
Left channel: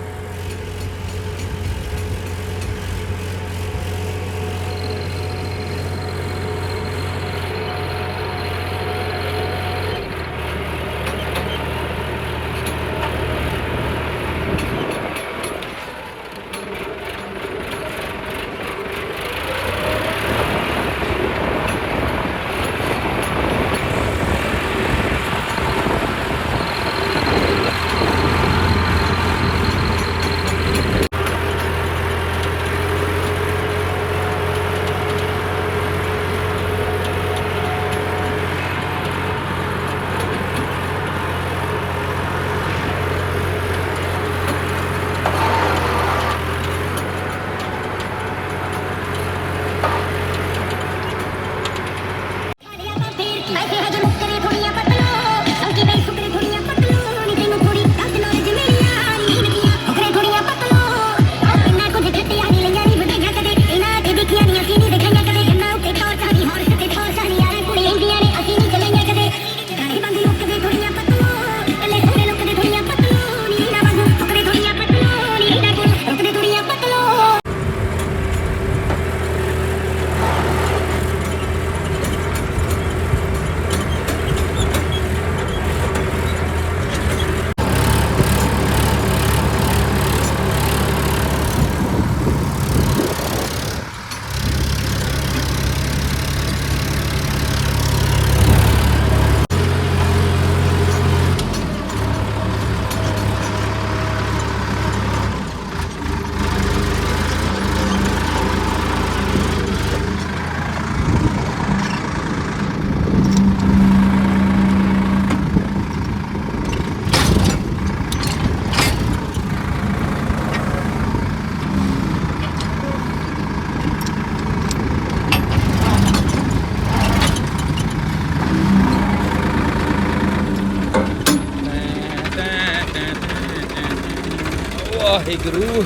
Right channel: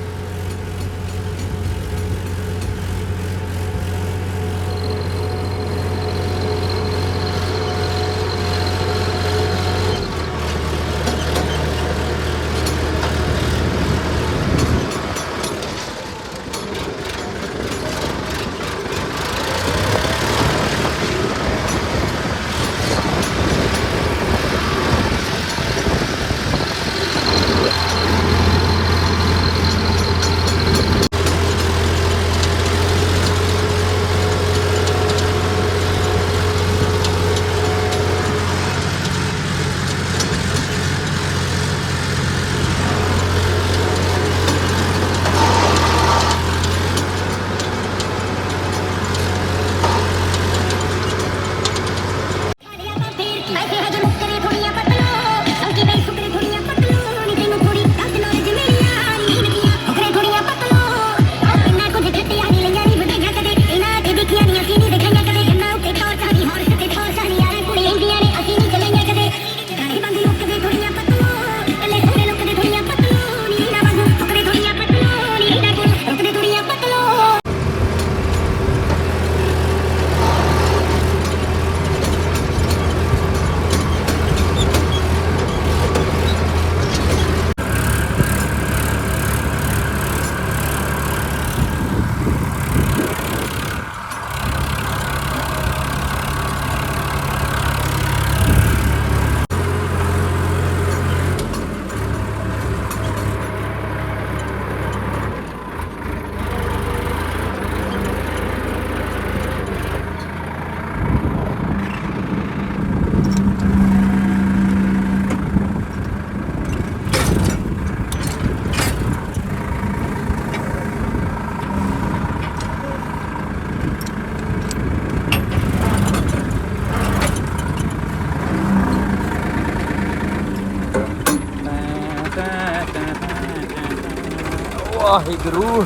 ਵਾਹਿਗੁਰੂ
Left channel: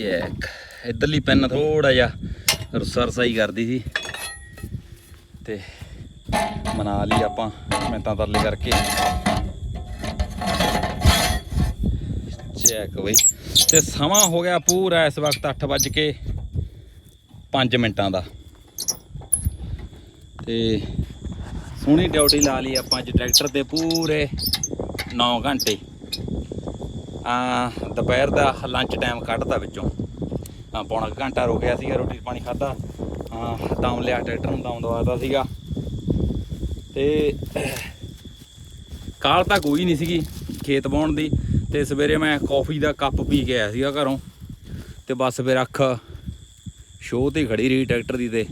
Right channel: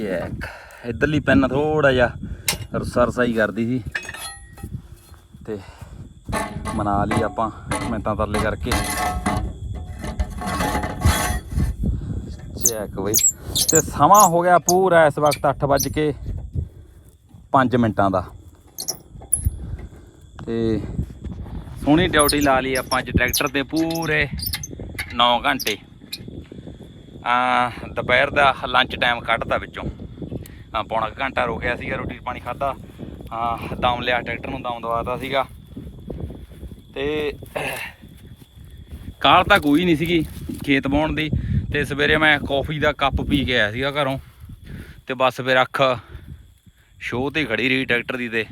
ਚੈੱਕ ਇਧਰਲੀ ਪੈਨ ਥੋੜਾ ਜਿਹਾ ਰੁੱਸਾ ਰਸਾਈ ਕਰਦੀ ਸੀ। ਤੇ ਮਨਾ ਲਈ ਆਪਾਂ ਮਿੰਟਾਂ ਤਰਲੇ ਕਰਕੇ। ਚੈੱਕ ਬਈ। ਤੇ ਸਮਾਂ ਹੋ ਗਿਆ ਪੂਰਾ ਇਸ ਵਕਤ 8 ਵੱਜ ਕੇ 5 ਮਿੰਟਾਂ ਦਾ। ਤੇ ਸੋਹਣੀ ਡਿਊਟੀ ਲਾ ਲਈ ਆਪਾਂ ਅੱਜ ਟਰੈਕਟਰ ਤੇ ਪੂਰੇ 9 ਘੰਟੇ। ਦੁਪਹਿਰ ਦਾ ਲੰਚ ਟਾਈਮ ਕੱਢਤਾ ਵਿੱਚੋਂ। ਪੌਣਾ ਕੁ ਘੰਟਾ ਰੋਕਿਆ ਸੀਗਾ ਰੋਟੀ ਪਾਣੀ ਖਾਦਾ ਹਾਂ ਦਮ ਲਿਆ, ਟਰੈਕਟਰ ਨੂੰ ਦਮ ਦਵਾਤਾ ਸੀਗਾ। ਤੇ ਕਾਲ ਤਾਂ ਕੋਈ ਨਹੀਂ ਸੀਗੀ ਖੇਤ ਬਾਉਣ ਦੀ। ਤੇ ਸਵੇਰੇ ਮੈਂ ਕਾਫੀ ਦਾ ਕੱਪ ਪੀ ਕੇ ਆਇਆ ਸੀਗਾ ਘਰੋਂ। ਤੇ ਬਸ ਫਿਰ ਅੱਖ ਸ਼ੋਅ ਤੇ ਖੜੀ ਰਹੀ ਟਰੈਕਟਰ ਦੀ ਤੇ।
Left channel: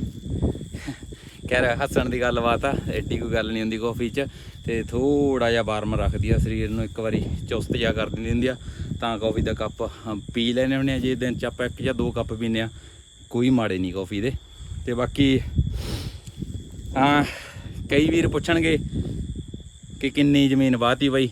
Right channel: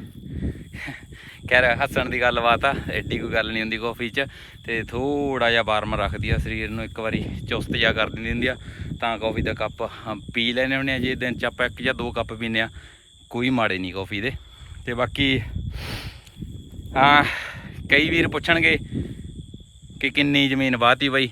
ਕਹਿ ਰਿਹਾ ਹੱਸਣ ਦੀ ਗੱਲਬਾਤ ਆ, ਐਡੀ ਕੋਈ ਗੱਲ ਨਹੀਂ ਹੁੰਦੀ ਕਾਫੀ 'ਚ। ਤੇ ਥੋੜਾ ਜਿਹਾ ਵਾਰਮ ਰੱਖਦੀ ਆ ਸਰੀਰ ਨੂੰ, ਇੱਕ ਵਾਰੀ ਚੁਸਤ ਜਿਹਾ ਕਰ ਦਿੰਦੀ ਹੁੰਦੀ ਆ। ਤਾਂ ਕਾਫੀ ਦਾ ਕੱਪ ਪੀ ਲੈਨੇ ਹੁੰਦੇ ਆ, ਜੇ ਦਿਨ 'ਚ ਆਪਾਂ ਇੱਕ ਜਾਂ ਦੋ ਕੱਪ ਪੀਨੇ ਆ, ਕੋਈ ਮਾੜੇ ਨਹੀਂ ਕਾਫੀ ਦੇ। ਤੇ ਬਾਕੀ, ਹਾਂ, ਕਈ ਵੀਰ ਪੁੱਛਣਗੇ ਕਿ ਕਿੰਨੀ ਜ਼ਮੀਨ ਵਾਹਤੀ ਬਈ?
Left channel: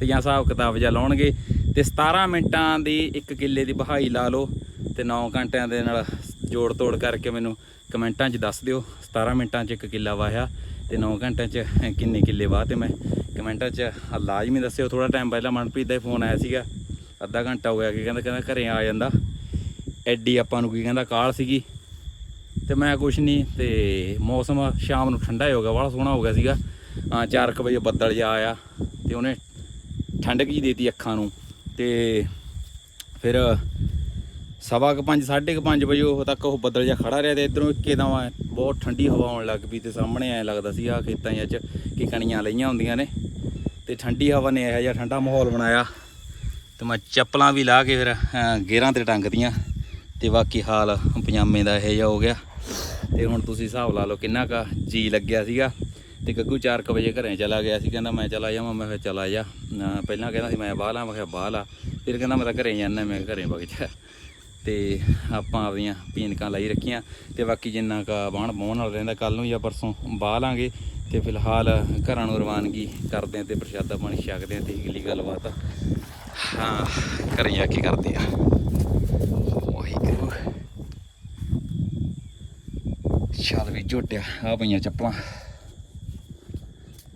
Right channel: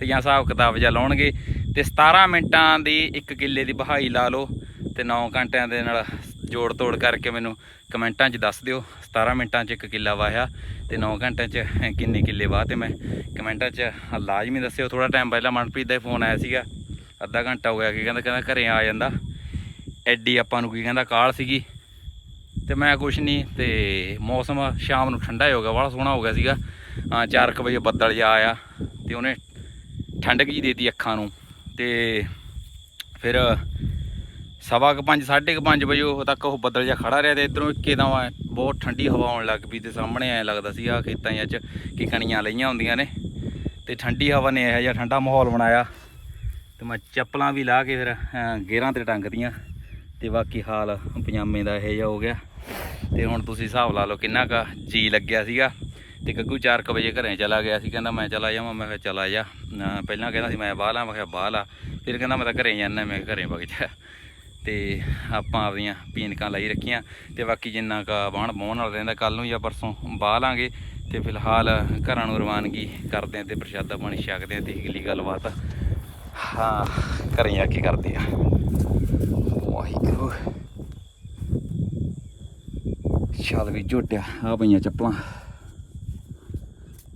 ਤੇ ਜਾਂ ਹਿਸਾਬ ਕਿਤਾਬ ਜਾਂ ਲਾਉਣਗੇ। ਤੇ 17 ਮਿੰਟਾਂ ਦੀ ਇੱਕ ਕਿੱਲੇ ਦੀ ਬਹਾਈ ਲਾ ਲਓ ਤੇ 9 ਘੰਟਿਆਂ ਦੇ ਨਾਲ ਜੋੜ ਤੋੜ ਕਰਕੇ ਮੈਨੂੰ ਕਮੈਂਟਾਂ 'ਚ ਦੱਸ ਦਿਓ। 17 ਮਿੰਟਾਂ 'ਚ ਇੱਕ ਕਿੱਲਾ ਵਾਹਿਆ। ਤੇ 9 ਘੰਟਿਆਂ 'ਚ ਕਿੰਨੇ ਕਿੱਲੇ ਵਾਹ ਤੇ ਮੈਂ ਕਮੈਂਟਾਂ 'ਚ ਲਾਜ਼ਮੀ ਦੱਸਿਓ। ਥੋੜਾ ਟਾਈਮ ਪਹਿਲਾਂ ਮਨਪ੍ਰੀਤ ਦਾ ਫੋਨ ਆਇਆ ਸੀਗਾ। ਅੱਧਾ ਘੰਟਾ ਹੋ ਗਿਆ ਕਿ ਕਹਿੰਦਾ ਕਹਿੰਦਾ ਘਰੇ ਆ ਜਾਂਦਾ। ਐਡੀ ਆਪਾਂ ਨੂੰ ਕੀ ਕਹਿੰਦਾ ਕਾਲ ਸੀਗੀ। ਤੇ ਮੈਂ ਕੁਛ ਨਹੀਂ ਤੇ ਮੌਸਮ ਸ਼ਾਮ ਨੂੰ ਠੰਡਾ ਹੀ ਹੋ ਗਿਆ, ਬੜਾ ਸੋਹਣਾ ਹੋ ਗਿਆ ਸੀਗਾ। ਹਾਂ 4 ਵਜੇ ਬੱਦਲ ਜਾ ਆਇਆ ਤੇ ਉਹਨੇ ਠੰਡਕ ਜੀ ਦੇਤੀ ਅੱਖਾਂ ਨੂੰ। ਤੇ ਫਿਰ ਸਵਾ ਕੁ ਪੰਜ ਸਾਢੇ ਕੁ ਪੰਜ ਵਜੇ ਉਹ ਤੱਕ ਉਹ ਬੱਦਲ ਜਿਹਾ ਖੜਾ ਰਿਹਾ ਤੇ ਇਧਰੋਂ ਇੱਕਦਮ ਐਂ ਬਹੁਤ ਠੰਡੀ ਹਵਾ ਆਉਣ ਲੱਗ ਪਈ ਤੇ ਸਾਹਮਣੇ ਐ ਲੱਗਦਾ ਸੀ ਆ ਖੇਤਾਂ ਜਿਹਾ 'ਚ ਕਿ ਕਣੀਆਂ ਲਈਆਂ ਹੁੰਦੀਆਂ ਨੇ। ਤੇ ਠੰਡੀ ਹਵਾ ਨੇ ਇਹੋ ਜਿਹਾ ਠੰਡਾ ਮਾਹੌਲ ਬਣਾਇਆ। ਤੇ ਮੈਂ ਚੱਪਲਾਂ ਵੀ ਲਾ ਕੇ ਫਿਰ ਅਹ, ਗੇਰਾਂ ਤੇ ਟੰਗਦੀਆਂ ਤੇ ਬਾਕੀ ਹਾਲ ਪਜਾਮੇ ਦਾ ਇਹੋ ਜਿਹਾ ਹੋ ਗਿਆ। ਤੇ ਹੁਣ ਤੁਸੀਂ ਹਿਸਾਬ ਲਾ ਲਓ ਕਿੰਨਾ ਕਾ ਜੀ ਲੱਗਿਆ ਸੀਗਾ। ਤੇ ਗੱਗੂ 4 ਵਜੇ ਘਰੇ ਚਲਾ ਗਿਆ ਸੀ ਕਹਿੰਦਾ ਮੈਂ ਚਲਾ ਜਾਵਾਂ ਮੈਂ ਕਿਹਾ ਚਲਾ ਜਾ। ਪਹਿਲਾਂ ਕਹਿੰਦਾ ਸੀ ਮੈਂ ਬਾਹਰ ਲਾ ਮੈਂ ਕਿਹਾ ਬਾਹਰ ਲਾ ਫਿਰ ਕਹਿੰਦਾ ਮੈਂ ਤਾਂ ਘਰੇ ਜਾਣਾ ਮੈਂ ਕਿਹਾ ਘਰੇ ਵਗ ਜਾ। ਤੇ ਆਪਾਂ ਆਪਦੀਆਂ ਪੀਨਕਾਂ ਲਾਈ ਰੱਖੀਆਂ ਤੇ ਬਾਕੀ ਜਿੰਨਾ ਕਾ ਬਾਣ ਬਾਉਣ ਨਾਲ ਰਹਿੰਦਾ ਕੱਲ ਨੂੰ ਜਾਂ ਪਰਸੋਂ ਬਾਹ ਲਾਂਗੇ ਤੇ ਫਿਲਹਾਲ ਘਰਾਂ ਨੂੰ ਰਵਾਨਗੀ ਕਰਦੇ ਆ ਤੇ ਪ੍ਰਸ਼ਾਦਾ ਪਾਣੀ ਛਕਦੇ ਆ ਤੇ ਅਗਲੀ ਗੱਲਬਾਤ। ਹਾਂ, ਘਰੇ ਜਾ ਕੇ ਕਰਦੇ ਆ ਵਾਹਿਗੁਰੂ। ਚੱਲ ਵੀ ਝੋਟਿਆ, ਆ ਪਈਆਂ ਚੱਪਲਾਂ।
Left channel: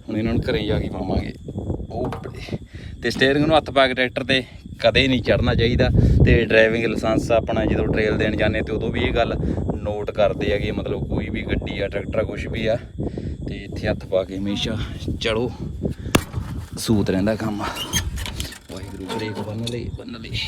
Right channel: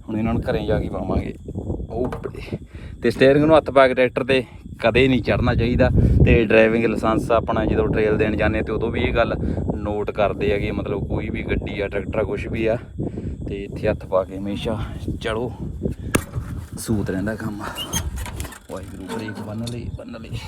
ਹੁਣ ਇਹਨਾਂ ਨੂੰ ਘਰੇ ਜਾ ਕੇ ਪਾਵਾਂਗੇ। ਉਹ ਬੜੇ। ਤੇ ਸਟੀਅਰਿੰਗ ਨੂੰ ਹੱਥ ਪਾ ਕੇ ਟਰੈਕਟਰ ਤੇ ਕਦੇ ਨਹੀਂ ਚੜਨਾ ਚਾਹੀਦਾ ਤੇ ਡਰਾਈਵਿੰਗ ਲਾਇਸੈਂਸ ਆਪਣਾ ਜਦੋਂ ਟ੍ਰੇਲ ਦੇਣ ਜਾਂਦੇ ਤੇ ਉਦੋਂ ਵੀ ਇਹ ਗੱਲ ਨੋਟ ਕਰਦੇ ਹੈਗੇ, ਮਤਲਬ ਕੋਈ ਵੀ ਗੱਡੀ ਆ, ਟਰੈਕਟਰ ਆ ਕੁਝ ਵੀ ਆ, ਤੇ ਇੱਥੇ ਹੱਥ ਪਾ ਕੇ ਹਮੇਸ਼ਾ ਚੜੋ ਸੂਤ ਰਹਿੰਦਾ ਕੰਮ। ਵਾਹਿਗੁਰੂ ਜੀ ਬੰਨ ਲਈ ਬੰਨ ਲਈ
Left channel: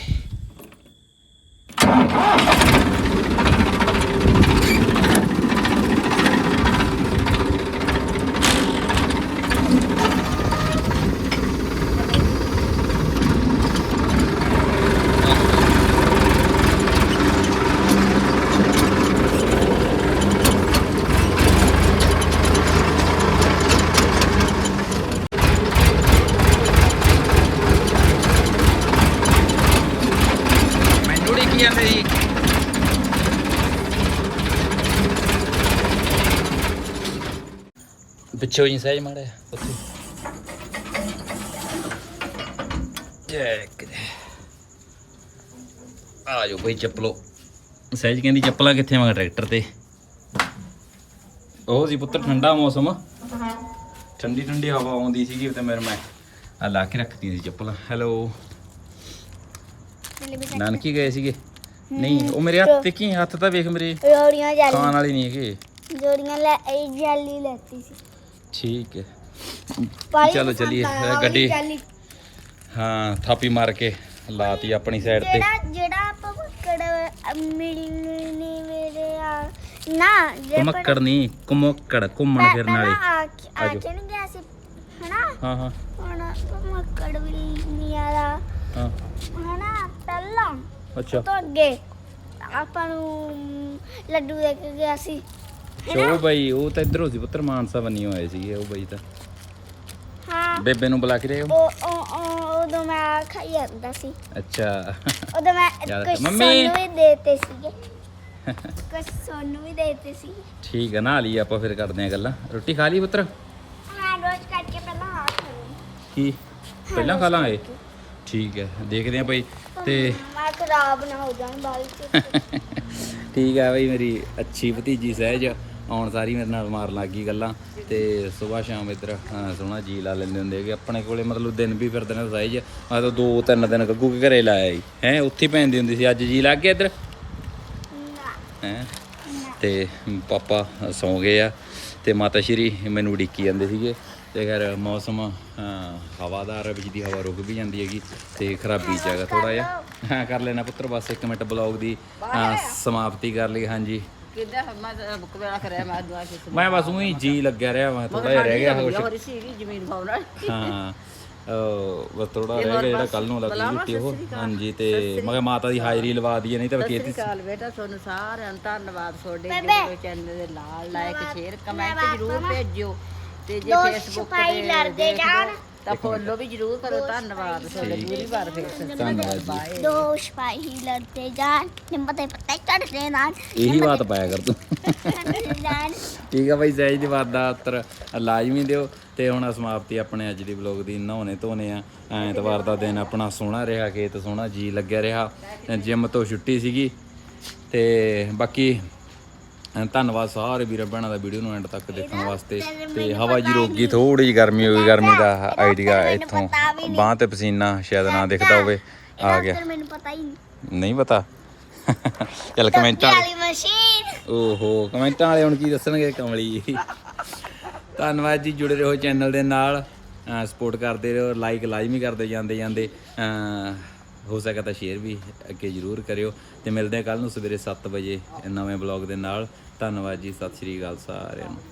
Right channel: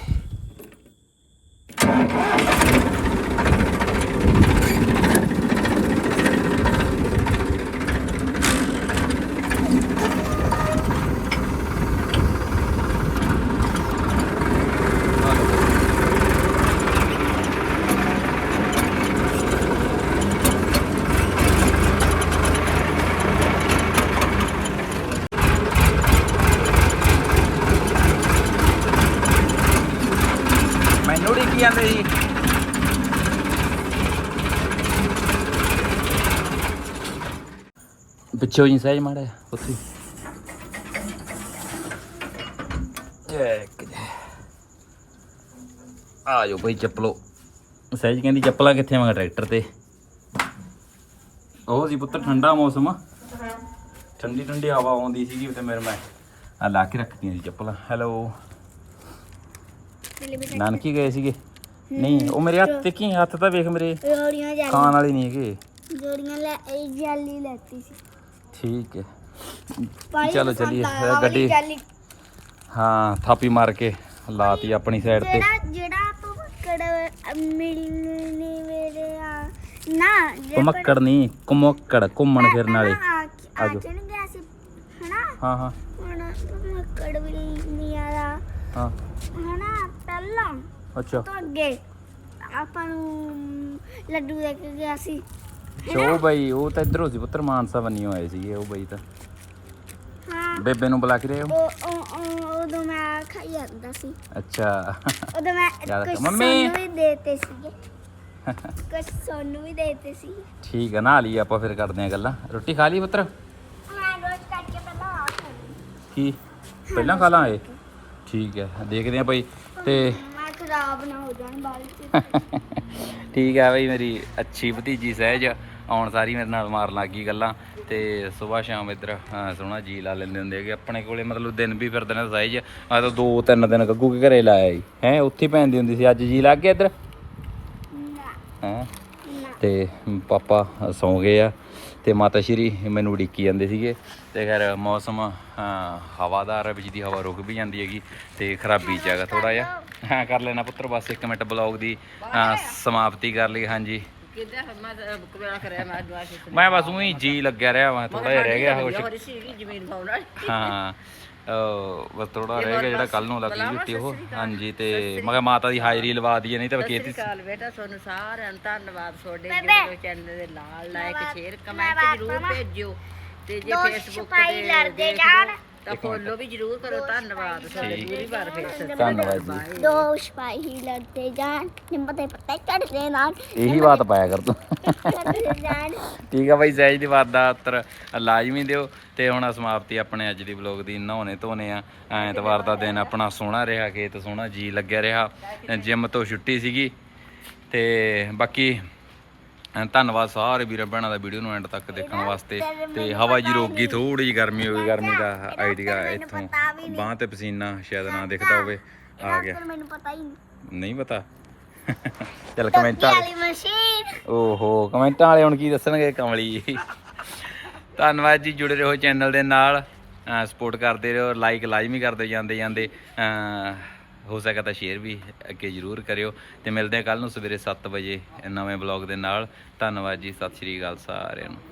ਮੈਨੂੰ ਨਹੀਂ ਕੀ ਜਾਂਦੇ ਜੀ ਪਿੱਛੇ ਹੋਈ ਸਹਿਜ ਮਾੜੇ ਉੱਥੇ ਇੱਕ ਆ ਜਾਓ ਬਈ ਚੱਪਲੋ ਸਹਿਜ ਕਹਿੰਦੀ ਚੱਪਲਾਂ ਕਿੱਥੇ ਮੈਂ ਟਰੈਕਟਰ ਤੇ ਉਹ ਸੀ ਪੁੱਤਰ ਠੰਡਾ ਮੌਸਮ ਠੰਡੀ ਠੰਡੀ ਹਵਾ ਆਉਂਦੀ ਸੀਗੀ ਤੇ ਮੇਰੇ ਮੈਂ ਆ ਲਾ ਕੇ ਰੱਖਤੀ ਸੀ ਚੱਪਲਾਂ ਹੈਲੋ ਨਾਨਕੀ ਗਏ ਸੀਗੇ ਨਹੀਂ ਉਹ ਮੇਰੇ ਹੱਥ ਤੇ ਕੀ ਹੱਥ ਤਾਂ ਵੇਖ ਮੇਰੇ ਜੋੜੀਆਂ ਜਾਲੀ ਖਾਣ ਵਾਲੇ ਨਹੀਂ ਹੈਗੇ ਜੋੜੀਆਂ ਲੈ ਇਹ ਜਾਲੀ ਲੈਤੀ ਸੀ ਠੀਕ ਹੈ। ਚਲੋ ਚੱਲੀਏ, ਗੱਡੀ-। ਹਾਂ ਥਾਪੀ ਮਾਰ ਕੇ ਲਾਤੀ ਆਪਣੀ ਸਾਈਡ ਤੇ। ਜਿਹੜਾ ਜਿਹੜਾ ਆਪਾਂ ਮੱਕੜ ਮਿਲਣੀ ਮੇਰੇ ਆ ਨਾ ਕੁਮੱਕੜ ਨਹੀਂ ਕੁਮੱਕੜ ਘੁੰਮਣ ਫਿਰਨ ਵਾਲੇ। ਆ ਹਨਾ? ਹਾਂ ਹਾਂ। ਹੁਣ ਮੱਕੜ ਵੀ ਨਹੀਂ ਆਦਾ ਹਾਂ। ਹਨਾ ਪਹਿਲਾਂ। ਅੱਛਾ। ਤੋਂ ਅੱਗੇ ਆਪਾਂ ਨੂੰ ਲੱਡੂ ਦੇ ਕੇ ਗਿਆ ਸੀ। ਚੋ ਬਈ ਉਹ ਤਾਂ ਇਧਰੋਂ ਸੀ ਪੁੱਤਰ ਮਾਨਸਾ ਬੰਨੀ ਹੋਏ ਸੀਗੇ ਉਹ ਬਈ ਤਾਂ। ਹਾਂ। ਬੇਬੇ ਨੂੰ ਬੁਲਾ ਕੇ ਲਿਆਓ ਉਹ ਉਹ- ਉਹ- ਉਦੋਂ ਮੈਂ ਖਾਈ ਜਾਂਦਾ ਸੀ। ਅੱਛਾ। ਉਦੋਂ ਮੈਂ ਯਾਦ ਕੁਝ ਮੰਮੀ। ਸੋਨੂੰ ਵੀ ਦੇਤੇ ਸੀਗੇ। ਕੁਝ ਸੋਨੂੰ ਵੀ ਦੇਤੇ ਸੀ ਠੀਕ ਹੈ ਨਾ ਲਈ ਆਪਾਂ ਫਿਰ ਕਰਦੇ ਆ ਗੱਲਾਂ। ਰੋਟੀ ਖਾ ਲਈ ਪੁੱਤਰ? ਮੈਂ ਰੋਜ਼ ਕਰਕੇ ਪਹਿਲਾਂ ਆ ਕੀ? ਪਹਿਲਾਂ ਖਾ ਲਾਂਗੇ? ਠੀਕ ਹੈ ਦੇਖਦੇ ਆ ਭਾਈ ਤੇ ਮੈਂ ਖਰਾਬ ਨਾ ਹੋ ਜਾਣ ਬਾਈ ਠੀਕ ਹੈ ਬਈ ਮੇਰੀ ਅੱਛੀ ਭਤੀਜੀ ਸਹਿਜ ਆਉਣ ਸਾਰੀ ਮੇਰੇ ਨਾਲ ਮਾਰਨ ਲੱਗ ਗਈ ਗੱਲਾਂ। ਤੇ ਸਵੇਰ ਸ਼ਾਮ ਇੱਧਰ ਸੋਹਣਾ ਜੀ ਲਾ ਲੈਂਦੇ ਹੁੰਦੇ ਹੈਗੇ। ਆਪਣੇ ਕੋਲੇ ਮਤਲਬ ਦਿਨ ਵੀ ਫਿਰਦੇ ਨੇ ਸਹਿਜ। ਆ ਤਾਂ ਦੋ ਤਿੰਨ ਦਿਨ ਗੱਗੂ ਕੇ ਘਰੇ ਲਾਇਆ ਜੀ। ਹੈ ਉੱਥੇ ਪੈਂਦੀ ਹੁੰਦੀ ਸੀ। ਅੱਜ ਜੀ ਲੱਗ ਗਿਆ ਇੱਧਰ? ਹੈ? ਤੇ ਪਾਪਾ ਸੌਂ ਗਏ ਆ। ਤੇ ਮਾਤਾ ਸ਼੍ਰੀ ਮੈਨੂੰ ਉਡੀਕੀ ਜਾਂਦੇ ਸੀਗੇ। ਤੇ ਖੈਰ ਮੌਸਮ ਹਵਾਦਾਰ ਦੀ ਹਵਾ ਰੁਕ ਵੀ ਜਾਂਦੀ ਹੈਗੀ। ਤੇ ਖਰਾਬੀ ਹੈਗਾ ਥੋੜਾ ਜਿਹਾ। ਹਾਂ ਕਰ ਲੈਣਾ ਪੁੱਤਰ ਬਸ 1 ਮਿੰਟ ਬਲੌਗ ਦੀ ਸਮਾਪਤੀ ਕਰ ਲਈ ਹਾਂਜੀ। ਕਿੱਦਾਂ? ਮੈਂ ਤਾਂ ਬੁੱਕ ਵੇਲਾ ਕਰਿਆ ਮੈਂ ਦੁਆ ਕੇ ਮੈਂ ਬਸ ਉਹੀ ਜੀ ਲੱਗਿਆ ਰਿਹਾ ਮੈਂ ਥੋੜਾ ਜਿਹਾ ਰਹਿ ਗਿਆ ਹੋਰ ਸੀਗੀ ਜ਼ਮੀਨ ਪਾਉਣ ਵਾਲੀ। ਹਾਂ ਉਹ ਬਸ ਥੋੜਾ ਰਹਿ ਗਿਆ ਜਿਹੜਾ ਕੱਲ ਨੂੰ ਲੱਗੀ ਛੁੱਟੀ ਉਹ। ਹਾਂਜੀ ਤੇ ਮੈਂ ਕਿਹਾ ਮਾਤਾ ਦੀ ਹਾਜ਼ਰੀ ਲਵਾ ਦਈਏ ਨਹੀਂ ਤਾਂ ਸਤਿ ਖੇਤੀ ਸ਼੍ਰੀ ਅਕਾਲ ਬੇਟਾ ਤੁਹਾਨੂੰ ਸਾਰਿਆਂ ਨੂੰ ਧੰਨਵਾਦ। ਤੁਹਾਡੇ ਜਿਹੜੇ ਚੈਨਲ ਦੇ ਨਾਲ ਲਾਇਕ ਸ਼ੇਅਰ ਕਮੈਂਟ ਜ਼ਰੂਰ ਭੇਜਿਓ। ਤੇ ਜੇ ਫੇਸਬੁੱਕ ਤੇ ਲੜਦੇ ਜਾਣ। ਤਾਂ ਫੋਲੋ ਵੀ ਜ਼ਰੂਰ ਕਰੋ ਧੰਨਵਾਦ ਤੁਹਾਡੇ ਪੂਰੀ ਵਾਰ ਫੇਰ ਧੰਨਵਾਦ ਜੀ। ਦੋ ਸਿਪਾਹੀ ਲੜਦੇ ਜਾਣ ਨਿੰਮ ਦੇ ਪੱਤੇ ਚੜਦੇ ਨਾਲ। ਇਹੀ ਬਾਤ ਪਾਇਆ ਕਰ ਤੂੰ। ਚੜਦੇ ਜਾਣ। ਠੀਕ ਆ ਬਾਈ ਸਹਿਜ ਦੀ ਬਾਤ ਦਾ ਉੱਤਰ ਲਾਜ਼ਮੀ ਦਿਓ। ਤੇ ਹੁਣ ਸਮਾਪਤੀ ਆਪਣੇ ਅੱਜ ਦੀ ਵਲੌਗ ਦੀ ਨਹਾਉਣੇ ਧੋਨੇ ਆ। ਐਤਵਾਰ ਦਾ ਦਿਨ ਆਪਣਾ ਸੋਹਣਾ ਰਿਹਾ ਖੇਤ ਸੋਹਣਾ ਜੀ ਲੱਗਿਆ ਰਿਹਾ। ਜਿਮ ਤੋਂ ਛੁੱਟੀ ਸੀਗੀ। ਤੇ ਬਾਕੀ ਧੰਨਵਾਦ ਸਾਰੇ ਵੀਰਾਂ ਭੈਣਾਂ ਦਾ ਵੀਡੀਓ ਨੂੰ ਐਂਡ ਤੱਕ ਦੇਖਣ ਵਾਸਤੇ। ਤੇ ਹਵਾ ਜੀ ਰੋਕ ਗਈ ਥੋੜੀ ਜੀ ਗਰਮੀ ਹੋ ਗਈ ਗਰਮੀ ਦਾ ਆਈਡੀਆ ਇੱਥੋਂ ਬਾਂਹ ਤੇ ਪਸੀਨਾ ਸ਼ਾਇਦ ਨਾ ਦਿਖਦਾ ਹੋਵੇ। ਆ ਗਿਆ। ਮੈਨੂੰ ਪਤਾ ਹੀ ਨਹੀਂ। ਨਹੀਂ ਪਤਾ। ਚੱਲ ਕਮੈਂਟਾਂ ਵਾਲੇ ਮਸ਼ੀਨ। ਓਹੋ ਕਮੈਂਟਾਂ ਵਾਲੇ ਹੁਣ ਕੀ ਦੱਸਣਗੇ ਕਮਲੀ? ਧੰਨਵਾਦ ਜੀ ਜੁੜੇ ਰਹੋ ਚੈਨਲ ਦੇ ਨਾਲ। ਸਪੋਰਟ ਕਰਦੇ ਰਹੋ ਲਾਈਕ ਲਾਜ਼ਮੀ ਕਰਦੇ ਜਾਂਦੇ ਜਾਂਦੇ। ਹੋ ਸਕਦਾ ਤਾਂ ਸ਼ੇਅਰ ਵੀ ਅੱਗੇ ਜ਼ਰੂਰ ਕਰਿਓ ਤੇ ਮਿਲਦੇ ਹਾਂ ਕੱਲ ਨੂੰ ਸਵੇਰੇ 7 ਵਜੇ ਨਵੇਂ ਬਲੌਗ ਦੇ ਨਾਲ। ਧੰਨਵਾਦ ਜੀ, ਸਤਿ ਸ਼੍ਰੀ ਅਕਾਲ ਸਾਰਿਆਂ ਨੂੰ।